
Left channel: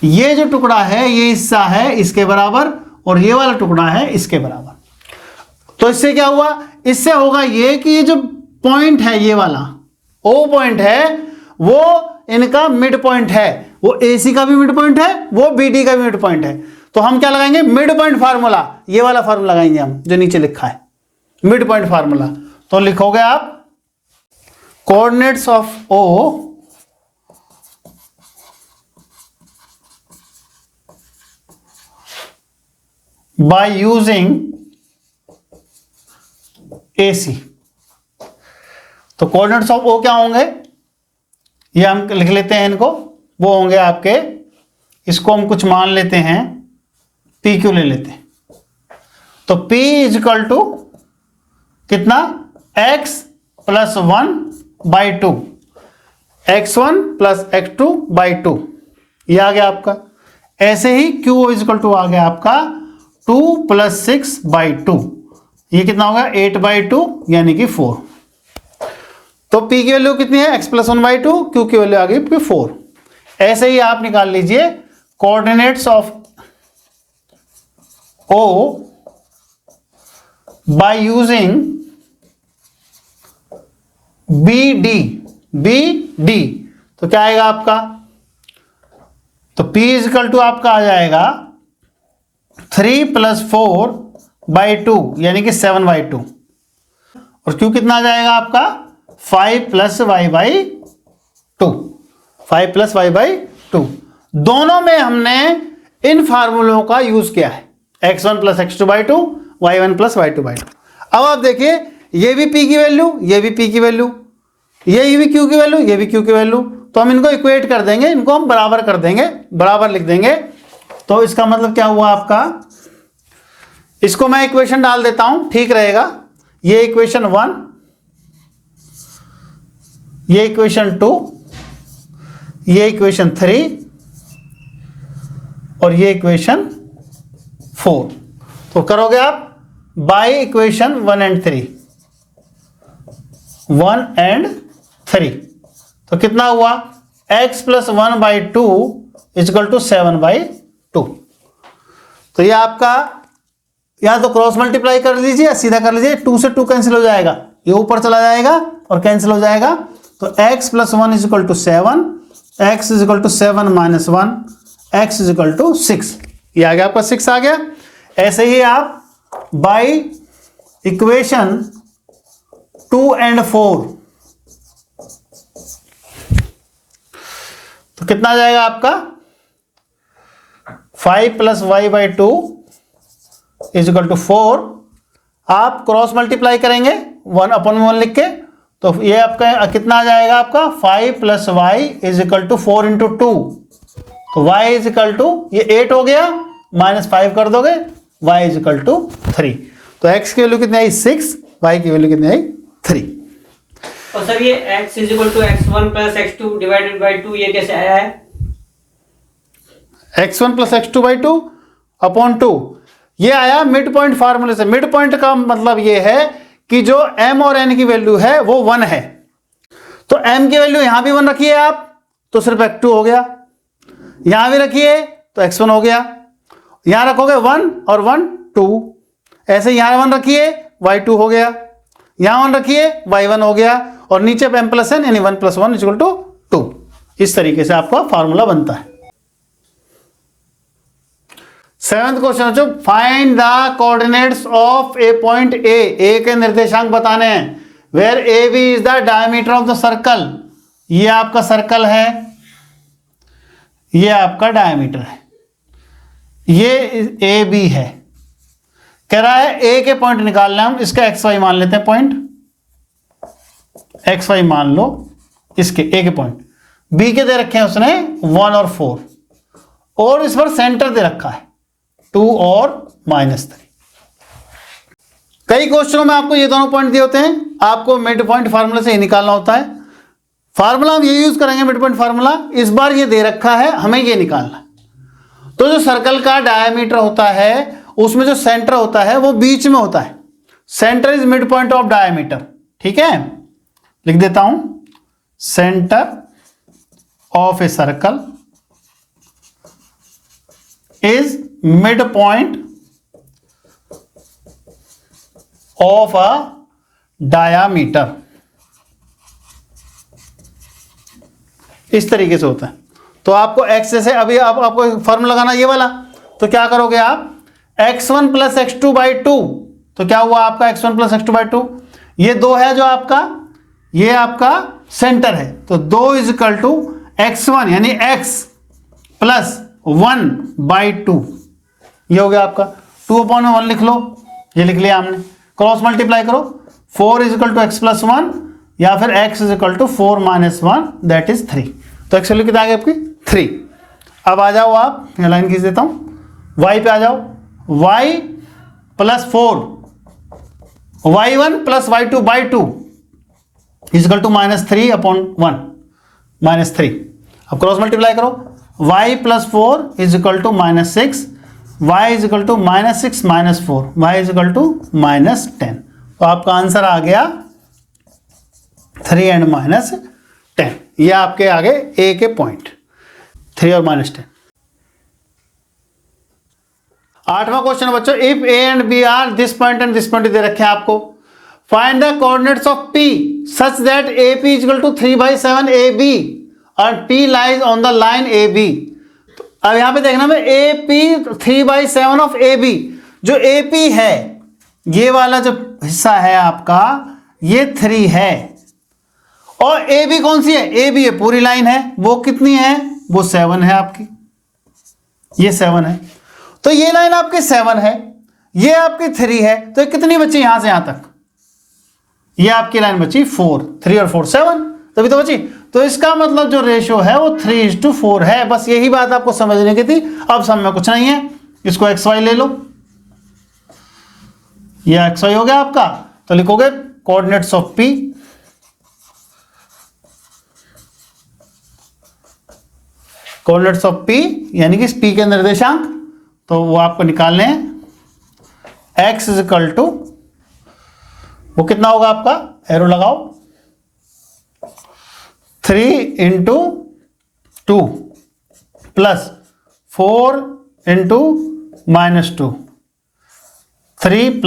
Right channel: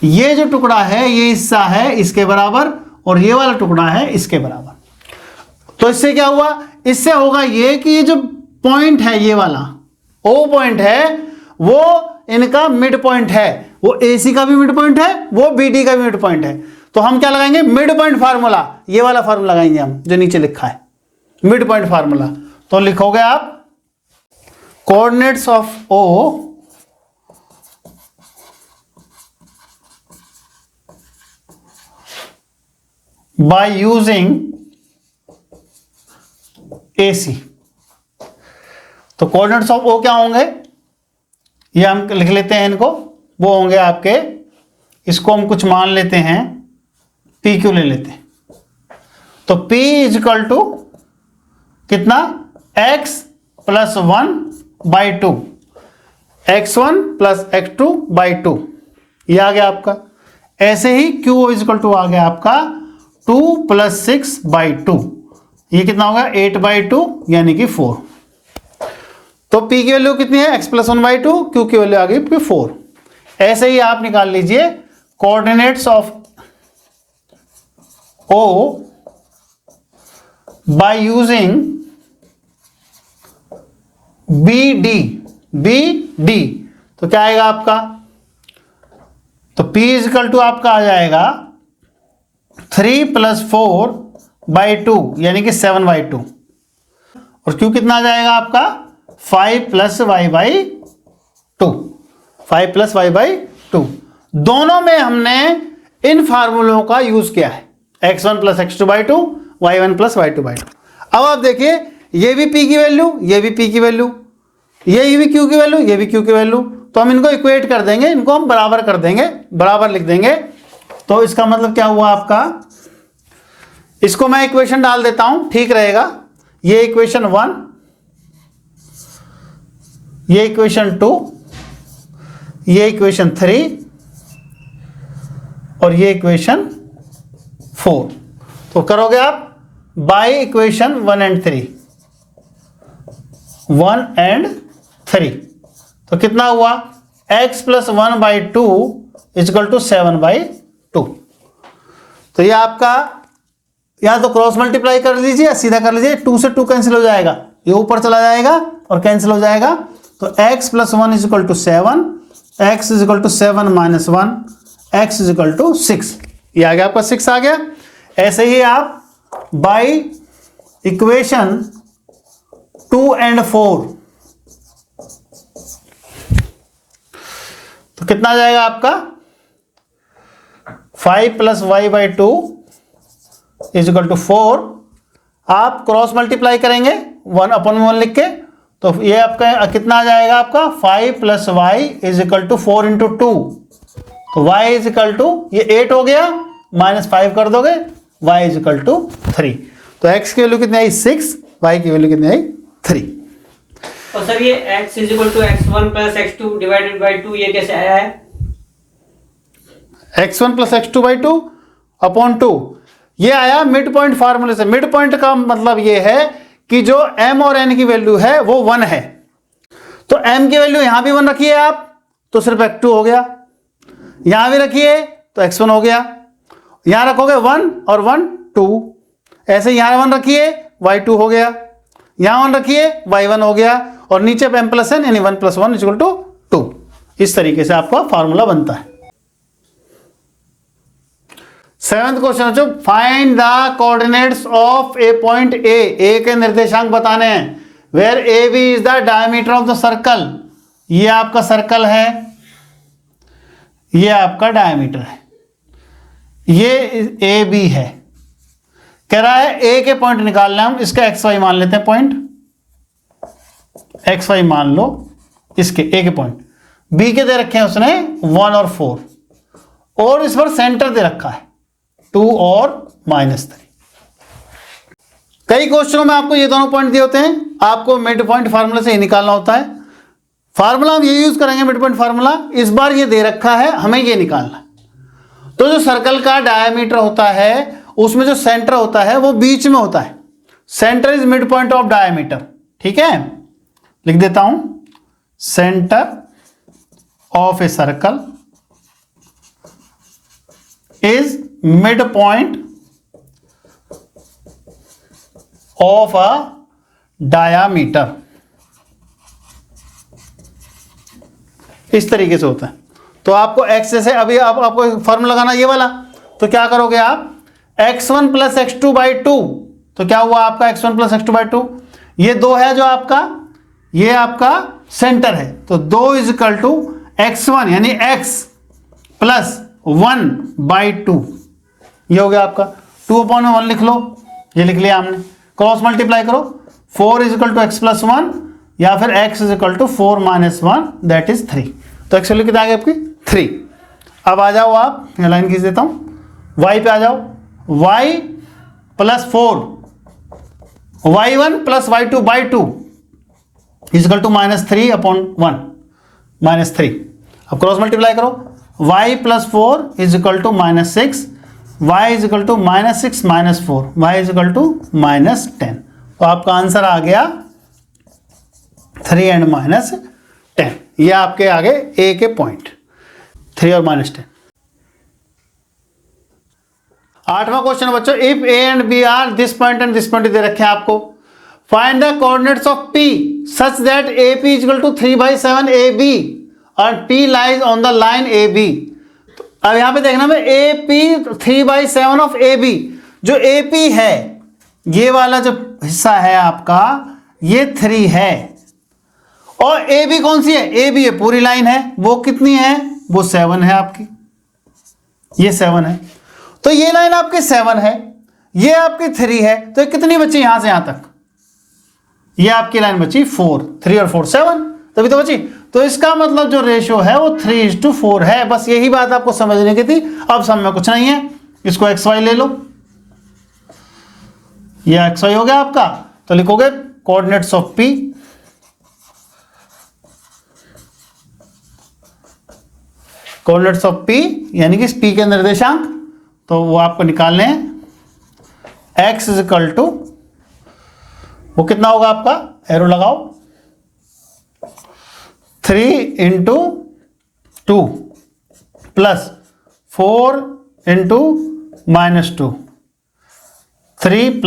ये जो टुकड़ा है, ये हिस्सा है इसके बराबर और ये वाला टुकड़ा है इसके बराबर। तो इससे क्या हुआ? इससे होगा ये कि ये जो पॉइंट है, ये वाला O पॉइंट है, वो इनका मिड पॉइंट है, वो AC का भी मिड पॉइंट है, वो BD का भी मिड पॉइंट है। तो हम क्या लगाएंगे? मिड पॉइंट फार्मूला, ये वाला फार्मूला लगाएंगे हम जो नीचे लिखा है, मिड पॉइंट फार्मूला। तो लिखोगे आप coordinates of O by using AC। तो कोऑर्डिनेट्स ऑफ O क्या होंगे? ये हम लिख लेते हैं इनको, वो होंगे आपके, इसको हम कुछ मान लेते हैं, PQ ले लेते हैं। तो P = कितना? X plus 1/2, x1 plus x2 by 2, ये आ गया आपका। ऐसे ही q इजिकल टू आ गया आपका 2 प्लस 6/2, ये कितना होगा 8/2 यानी कि 4। तो p की वैल्यू कितनी है x प्लस 1/2, q की वैल्यू आ गई 4। ऐसे ही आप निकाल लीजिए coordinates of O by using BD, तो क्या आएगा आपका, तो P इजिकल टू आपका आ जाएगा 3 प्लस 4/2 यानी कि 7/2, और Q कितना आ जाएगा आपका 5 प्लस y/2, 5 प्लस y/2। दोनों में हमने इन फार्मूलों का यूज किया है, x1 plus x2/2, y1 plus y2/2। अब आप देखिए ये भी p की वैल्यू, ये भी p की वैल्यू, ये भी q की वैल्यू, ये भी q की वैल्यू, तो हम इनको इक्वेट कर देंगे, इनको हम बराबर कर देंगे, बराबर लिख देंगे। तो इसका मतलब क्या हुआ आपका, इसको मैं इक्वेशन डाल देता हूं, ठीक रहेगा। ये इक्वेशन 1, ये इक्वेशन 2, ये इक्वेशन 3 और ये इक्वेशन 4। तो करोगे आप बाय इक्वेशन 1 एंड 3, 1 एंड 3, तो कितना हुआ x प्लस 1/2 इजकल टू 7/2। तो ये आपका या तो क्रॉस मल्टीप्लाई कर लीजिए या सीधा कर लीजिए, 2 से 2 कैंसिल हो जाएगा, ये ऊपर चला जाएगा और कैंसिल हो जाएगा। तो x plus 1 is equal to 7, x is equal to 7 minus 1, x is equal to 6, ये आ गया आपका 6 आ गया। ऐसे ही आप बाय इक्वेशन 2 एंड 4, तो कितना आ जाएगा आपका 5 प्लस y/2 इजिकल टू 4। आप क्रॉस मल्टीप्लाई करेंगे 1/1 लिख के, तो ये आपका कितना आ जाएगा आपका 5 plus y is equal to 4 into 2, तो y इजिकल टू ये 8 हो गया, माइनस 5 कर दोगे, y इजिकल टू 3। तो x की वैल्यू कितनी आई 6, y की वैल्यू कितनी आई 3। और सर ये x is equal to x1 plus x2 divided by 2 ये कैसे आया है? x1 प्लस x2/2 अपॉन 2, ये आया मिड पॉइंट फार्मूले से। मिड पॉइंट का मतलब ये है कि जो m और n की वैल्यू है वो 1 है, तो m की वैल्यू यहां भी 1 रखिए आप, तो सिर्फ x2 हो गया, यहां भी रखिए तो x1 हो गया, यहां रखोगे 1 और 1 2, ऐसे यहां 1 रखिए y2 हो गया, यहां 1 रखिए y1 हो गया, और नीचे m प्लस n यानी 1 प्लस 1 इक्वल टू 2। इस तरीके से आपका फॉर्मूला बनता है। 7th क्वेश्चन जो find the coordinates of a point A के निर्देशांक बताने हैं, where A B is the diameter of the circle. ये आपका सर्कल है, ये आपका डायमीटर है, ये ए बी है। कह रहा है ए के पॉइंट निकालना है, हम इसका एक्स वाई मान लेते हैं, पॉइंट एक्स वाई मान लो इसके ए के पॉइंट। बी के दे रखे हैं उसने 1 और 4, और इस पर सेंटर दे रखा है 2 और -3। कई क्वेश्चनों में आपको ये दोनों पॉइंट दिए होते हैं, आपको मिड पॉइंट फार्मूला से ही निकालना होता है। फार्मूला हम ये यूज करेंगे मिड पॉइंट फार्मूला, इस बार ये दे रखा है, हमें ये निकालना है। तो जो सर्कल का डायमीटर होता है उसमें जो सेंटर होता है वो बीच में होता है, centre is mid point of diameter, ठीक है। लिख देता हूं, centre of a circle is mid point of a diameter, इस तरीके से होता है। तो आपको एक्स से अभी आपको फॉर्मूला लगाना ये वाला, तो क्या करोगे आप x1 प्लस x2/2, तो क्या हुआ आपका x1 प्लस x2/2, ये 2 है जो आपका, ये आपका सेंटर है, तो 2 इज इक्वल टू x1 यानी x प्लस 1/2, ये हो गया आपका 2/1 लिख लो, ये लिख लिया हमने। क्रॉस मल्टीप्लाई करो, 4 is equal to x plus 1 या फिर x is equal to 4 minus 1 that is 3। तो x वैल्यू कितना आ गया आपकी 3। अब आ जाओ आप, ये लाइन खींच देता हूं, y पे आ जाओ, y plus 4, y1 plus y2/2 is equal to -3/1 -3। अब क्रॉस मल्टीप्लाई करो, y plus 4 is equal to -6, y is equal to -6 -4, y is equal to -10। तो आपका आंसर आ गया 3 and -10। ये आपके आ गए ए के पॉइंट 3 और -10। 8वां क्वेश्चन बच्चों, if A and B are this point and this point दे रखे हैं आपको, find the coordinates of P such that A P equal to 3/7 A B and P lies on the line A B. अब यहां पे देखना मैं A P 3/7 of A B, जो ए पी है ये वाला जो हिस्सा है आपका ये 3 है, और ए बी कौन सी है, ए बी है पूरी लाइन है, वो कितनी है, वो 7 है आपकी, ये 7 है। तो ये लाइन आपकी 7 है, ये आपकी 3 है, तो कितनी बची यहां से यहां तक, ये आपकी लाइन बची 4, 3 और 4 7, तभी तो बची। तो इसका मतलब जो रेशो है वो 3:4 है। बस यही बात आपको समझने की थी। अब सब में कुछ नहीं है, इसको XY ले लो, ये XY हो गया आपका, तो लिखोगे coordinates of P coordinates of P यानी कि P के निर्देशांक, तो वो आपको निकालने हैं। x इजिकल टू वो कितना होगा आपका, एरो लगाओ, 3 × 2 plus 4 × -2, 3 +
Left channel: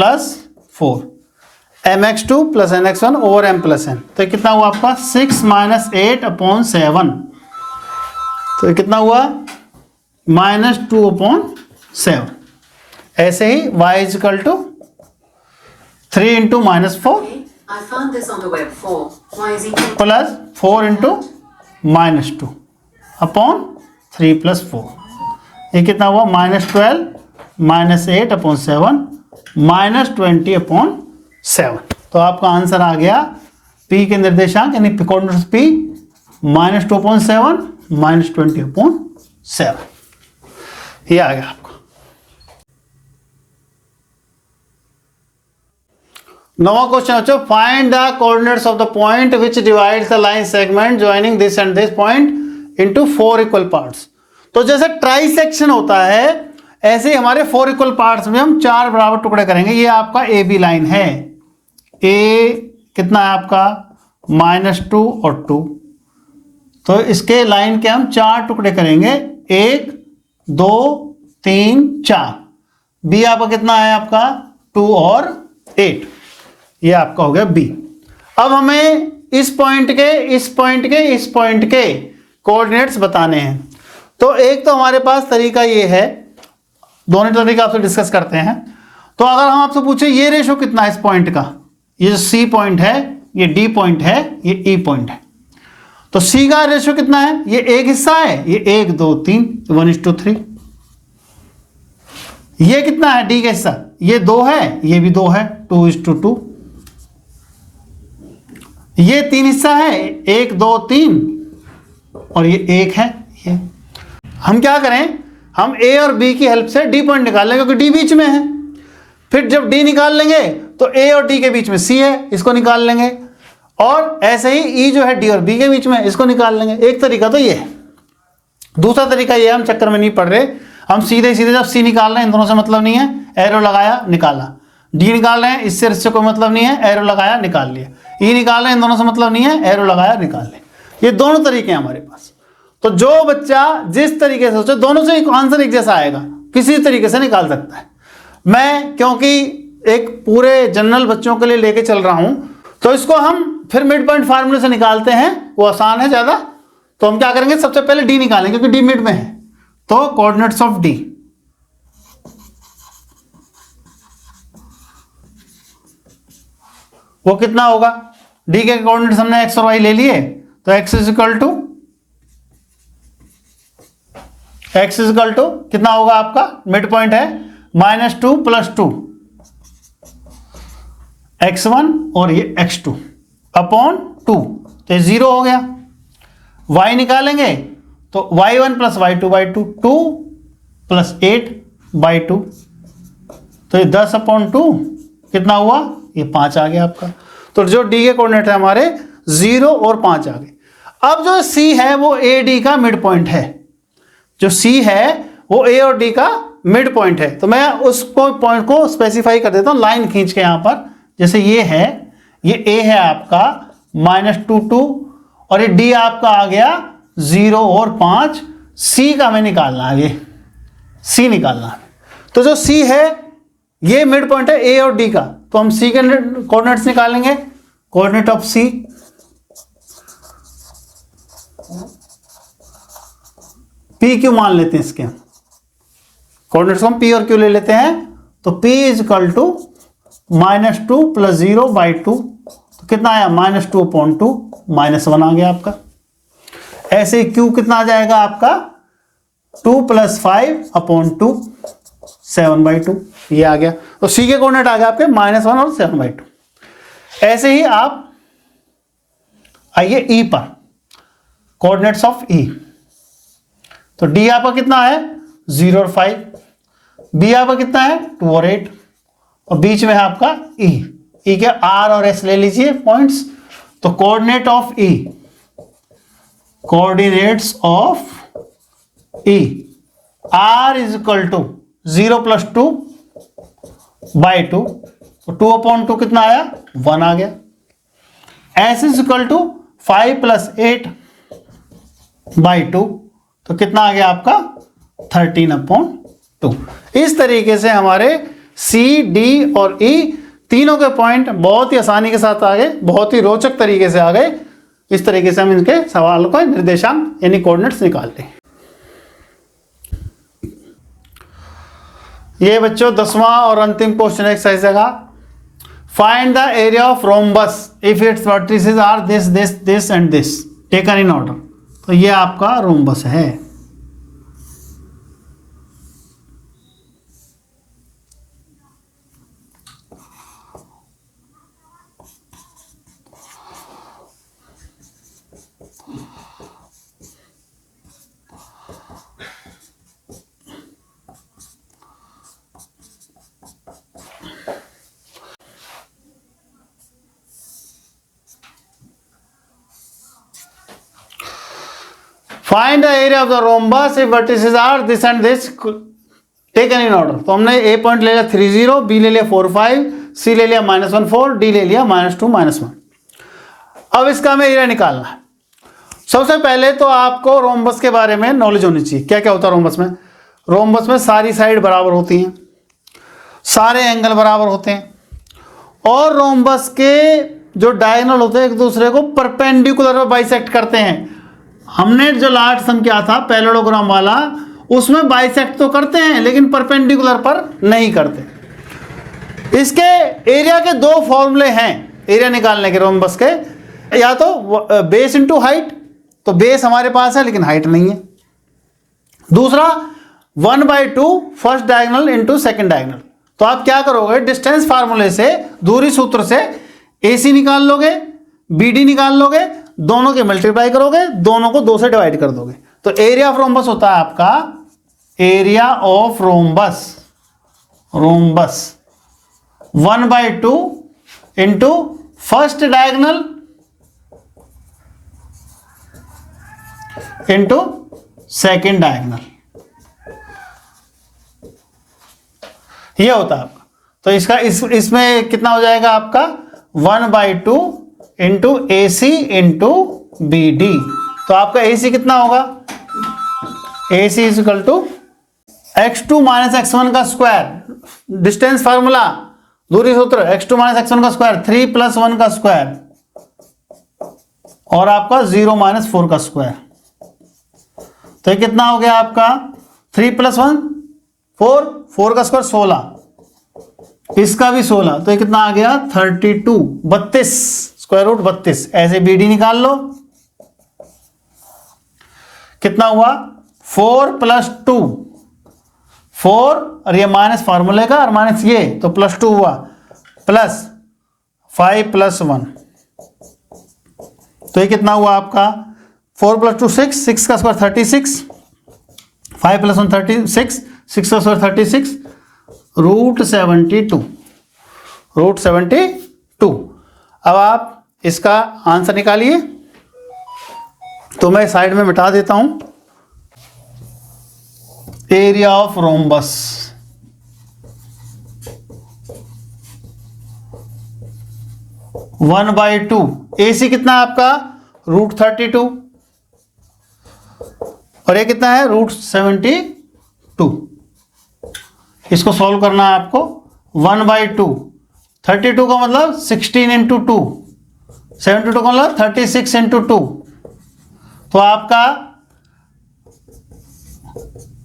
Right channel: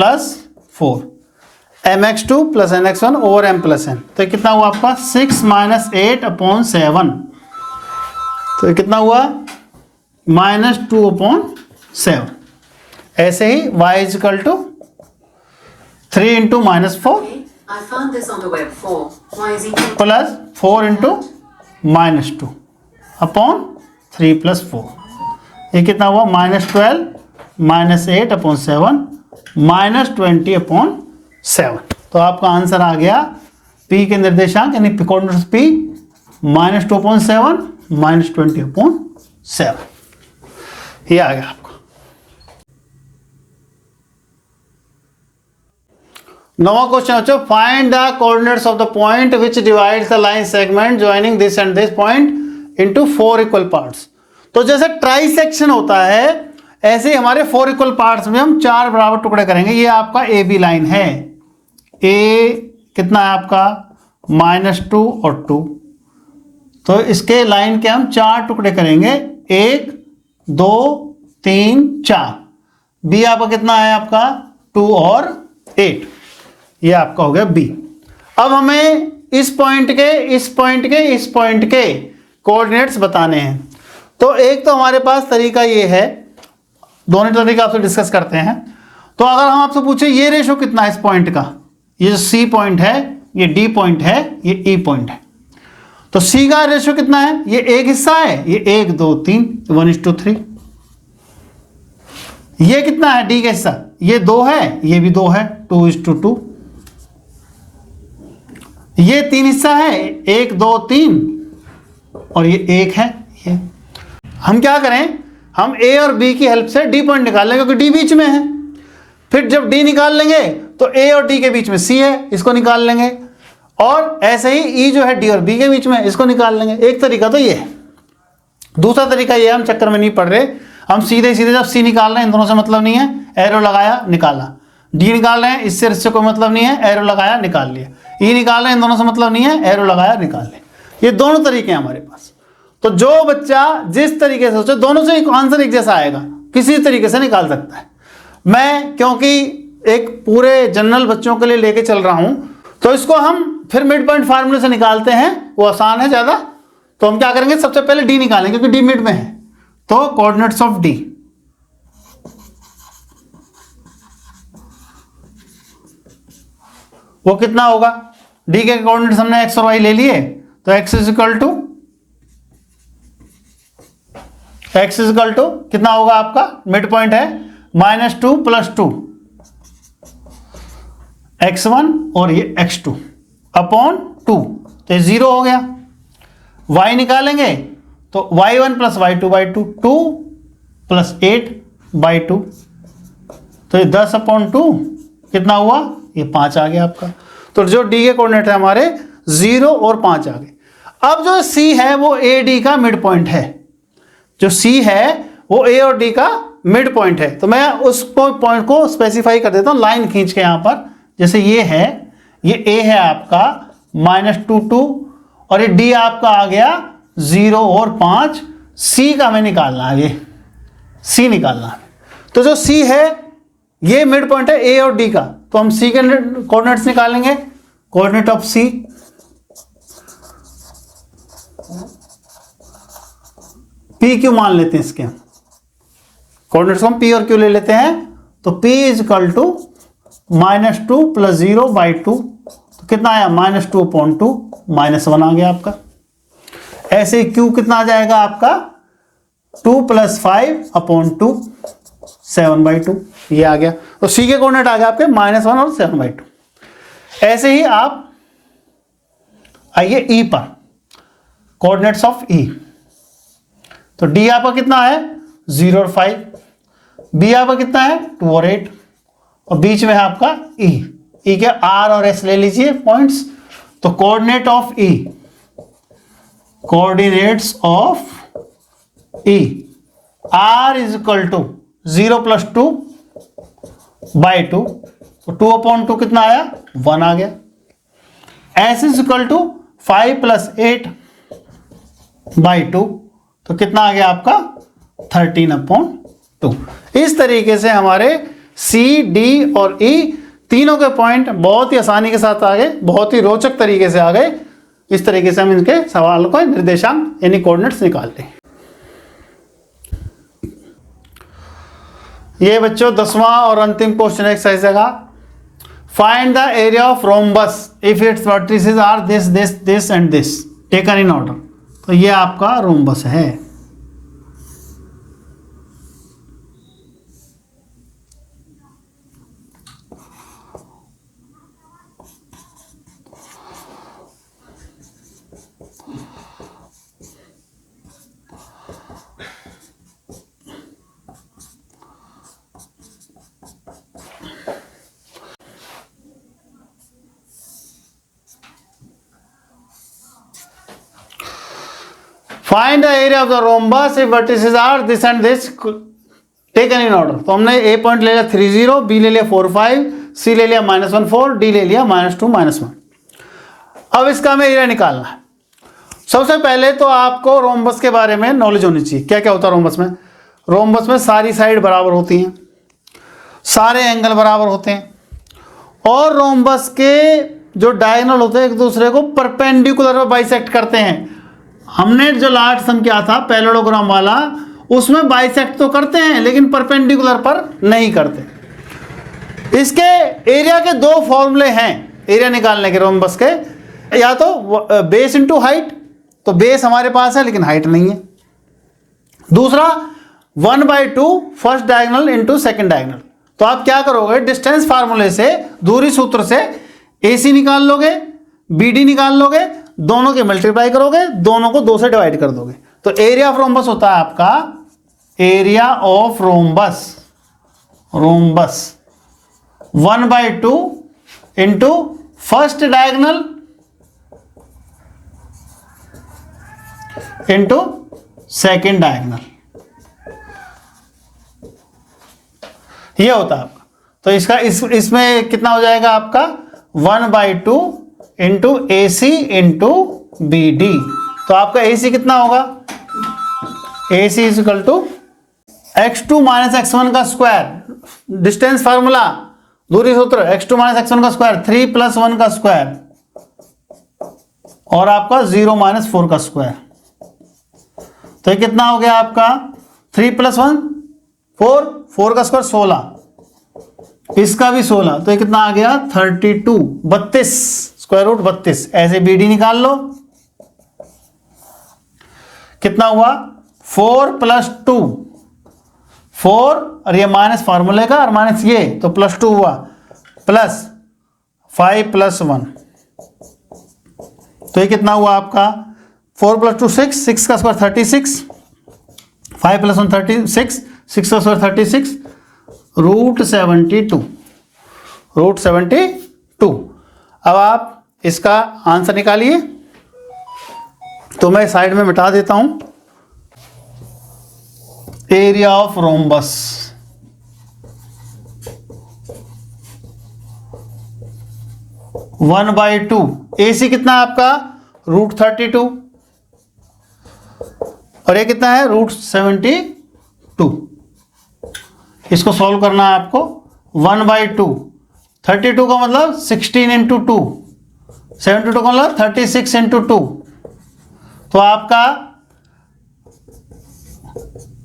4 mx2 + nx1 over m + n। तो कितना हुआ आपका 6 - 8/7। तो कितना हुआ -2/7। ऐसे ही y equal to 3 × -4 I found this on the web form. Y is equal plus 4 × -2 upon 3 + 4। ये कितना हुआ -12 -8/7 -20/7। तो आपका आंसर आ गया P के निर्देशांक यानी कोऑर्डिनेट्स P -2/7 -20/7। ये आ गया आपको। नौवां क्वेश्चन बच्चों, find the coordinates of the point which divides the line segment joining this and this point into 4 equal parts. तो जैसे ट्राई सेक्शन होता है ऐसे ही हमारे 4 इक्वल पार्ट्स में हम 4 बराबर टुकड़े करेंगे। ये आपका ए बी लाइन है, ए कितना है आपका -2 और 2, तो इसके लाइन के हम 4 टुकड़े करेंगे, 1 2 3 4। बी आपका कितना है आपका 2 और 8, ये आपका हो गया बी। अब हमें इस पॉइंट के इस पॉइंट के इस पॉइंट के कोऑर्डिनेट्स बताने हैं। तो एक तो हमारे पास तरीका ये है, दोनों तरीका आपसे डिस्कस करते हैं। तो अगर हम आपसे पूछे ये रेशो कितना है इस पॉइंट का, ये सी पॉइंट है, ये डी पॉइंट है, ये ई पॉइंट है, तो सी का रेशो कितना है, ये एक हिस्सा है, ये 1 2 3 1:3। ये कितना है डी का हिस्सा, ये 2 है, ये भी 2 है 2:2। ये 3 हिस्सा है, 1 2 3 और ये 1 है। ये हम क्या करें, हम ए और बी की हेल्प से डी पॉइंट निकाल लेंगे क्योंकि डी बीच में है। ठीक, जब डी निकाल लेंगे तो ए और डी के बीच में सी है, इसको निकाल लेंगे, और ऐसे ही ई जो है डी और बी के बीच में, इसको निकाल लेंगे। एक तरीका तो ये है। दूसरा तरीका ये, हम चक्कर में नहीं पड़ रहे, हम सीधे सीधे जब सी निकाल रहे हैं, इन दोनों से मतलब नहीं है, एरो लगाया निकाला। डी निकाल रहे हैं, इससे कोई मतलब नहीं है, एरो लगाया निकाल लिया। ई निकाल रहे हैं, इन दोनों से मतलब नहीं है, एरो लगाया निकाल लिया। ये दोनों तरीके हैं हमारे पास। तो जो बच्चा जिस तरीके से सोचे, दोनों से आंसर एक जैसा आएगा, किसी तरीके से निकाल सकता है। मैं क्योंकि एक पूरे जनरल बच्चों के लिए लेके चल रहा हूं, तो इसको हम फिर मिड पॉइंट फार्मूले से निकालते हैं, वो आसान है ज्यादा। तो हम क्या करेंगे, सबसे पहले डी निकालेंगे क्योंकि डी मिड में है। तो कोऑर्डिनेट्स ऑफ डी, वो कितना होगा, डी के कोऑर्डिनेट्स हमने एक्स और वाई ले लिए, तो एक्स इक्वल टू कितना होगा आपका, मिड पॉइंट है -2 + 2 x1 और ये x2 अपॉन 2, तो 0 हो गया। y निकालेंगे तो y1 + y2/2, 2 + 8/2, तो ये 10/2 कितना हुआ, ये 5 आ गया आपका। तो जो डी के कोऑर्डिनेट है हमारे 0 और 5 आ गए। अब जो सी है वो ए डी का मिड पॉइंट है, जो सी है वो ए और डी का मिड पॉइंट है। तो मैं उस पॉइंट को स्पेसिफाई कर देता हूँ लाइन खींच के यहाँ पर। जैसे ये है, ये ए है आपका -2 और ये डी आपका आ गया 0 और 5। सी का हमें निकालना है, ये सी निकालना है। तो जो सी है ये मिड पॉइंट है ए और डी का, तो हम सी के कोऑर्डिनेट्स निकालेंगे। Coordinate of C P Q मान लेते हैं, इसके कोऑर्डिनेट्स हम पी और क्यू ले लेते हैं। तो p इज इक्वल टू -2 + 0/2, तो कितना आया -2/2 -1 आ गया आपका। ऐसे q कितना आ जाएगा आपका 2 + 5/2 7/2, ये आ गया। तो c के कोऑर्डिनेट आ गया आपके -1 और 7/2। ऐसे ही आप आइए e पर, कोऑर्डिनेट्स ऑफ e। तो d आपका कितना है 0 और 5, b आपका कितना है 2 और 8, और बीच में है आपका e। e के r और s ले लीजिए पॉइंट्स। तो coordinate of e, coordinates of e, r is equal to 0 + 2/2, तो 2/2 कितना आया 1 आ गया। s इज इक्वल टू 5 + 8/2, तो कितना आ गया आपका 13/2। इस तरीके से हमारे C, D और E तीनों के पॉइंट बहुत ही आसानी के साथ आ गए, बहुत ही रोचक तरीके से आ गए। इस तरीके से हम इनके सवाल को निर्देशांक यानी कोऑर्डिनेट्स निकालते हैं। ये बच्चों 10वां और अंतिम क्वेश्चन एक्सरसाइज का, find the area of rhombus if its vertices are this this this and this taken in order. तो ये आपका रोम्बस है। Find the area of the rhombus if vertices are this and this taken in order. तो हमने ए point ले लिया 3 0, B ले लिया 4 5, सी ले लिया -1 4, डी ले लिया -2 -1। अब इसका हमें एरिया निकालना है। सबसे पहले तो आपको रोम्बस के बारे में नॉलेज होनी चाहिए। क्या क्या होता है रोम्बस में? रोम्बस में सारी साइड बराबर होती हैं, सारे एंगल बराबर होते हैं, और रोम्बस के जो डायगोनल होते हैं एक दूसरे को परपेंडिकुलर बाइसेक्ट करते हैं। हमने जो लास्ट सम किया था पैरेललोग्राम वाला, उसमें बाइसेक्ट तो करते हैं लेकिन परपेंडिकुलर पर नहीं करते। इसके एरिया के दो फॉर्मूले हैं एरिया निकालने के रोम्बस के, या तो बेस इनटू हाइट, तो बेस हमारे पास है लेकिन हाइट नहीं है। दूसरा 1/2 first diagonal into second diagonal. तो आप क्या करोगे, डिस्टेंस फार्मूले से, दूरी सूत्र से AC निकाल लोगे, BD निकाल लोगे, दोनों के मल्टीप्लाई करोगे, दोनों को 2 से डिवाइड कर दोगे। तो एरिया ऑफ रोम्बस होता है आपका area of rhombus, rhombus 1/2 into first diagonal into second diagonal, ये होता है आपका। तो इसका इसमें कितना हो जाएगा आपका 1/2 इंटू AC इंटू BD। तो आपका AC कितना होगा, AC is equal to x2 - x1 का स्क्वायर, डिस्टेंस फार्मूला, दूरी सूत्र, x2 - x1 का स्क्वायर 3 + 1 का स्क्वायर, और आपका 0 - 4 का स्क्वायर। तो ये कितना हो गया आपका 3 + 1 4, 4 का स्क्वायर 16, इसका भी 16, तो ये कितना आ गया 32, 32 स्क्वायर रूट 32। ऐसे BD निकाल लो, कितना हुआ 4 + 2 4, और ये माइनस फार्मूले का और माइनस ये, तो +2 हुआ, प्लस 5 + 1, तो ये कितना हुआ आपका 4 + 2 6, 6 का स्क्वायर 36, 5 + 1 36, 6 का स्क्वायर 36, √72, √72। अब आप इसका आंसर निकालिए। तो मैं साइड में मिटा देता हूं। Area of rhombus, one by two, A C कितना है आपका √32 और ये कितना है √72। इसको सॉल्व करना है आपको। 1/2, 32 का मतलब 16 इंटू 2, 72 का मतलब 36 इंटू 2। तो आपका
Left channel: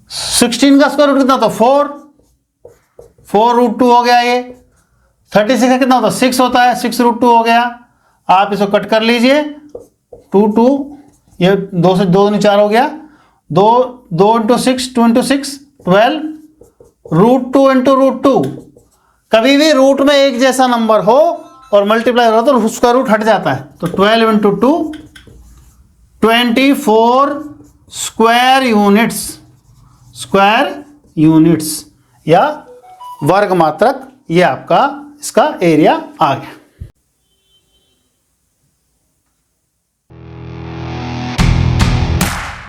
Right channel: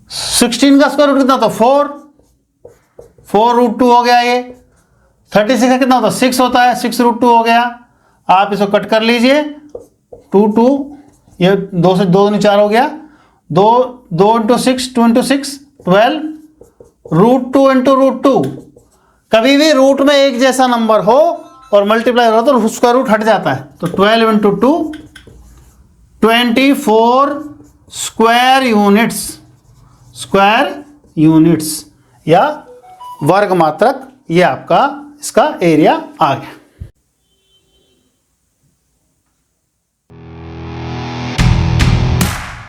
16 का स्क्वायर रूट कितना होता है 4 √2 हो गया। ये 36 का कितना होता है 6 होता है, 6 √2 हो गया। आप इसको कट कर लीजिए, 2 ये 2 से 2 4 हो गया, 2 इंटू 6, 2 इंटू 6 12, √2 इंटू √2। कभी भी रूट में एक जैसा नंबर हो और मल्टीप्लाई हो तो उसका रूट हट जाता है। तो 12 इंटू 2 24 स्क्वायर यूनिट्स या वर्ग मात्रक, ये आपका इसका एरिया आ गया।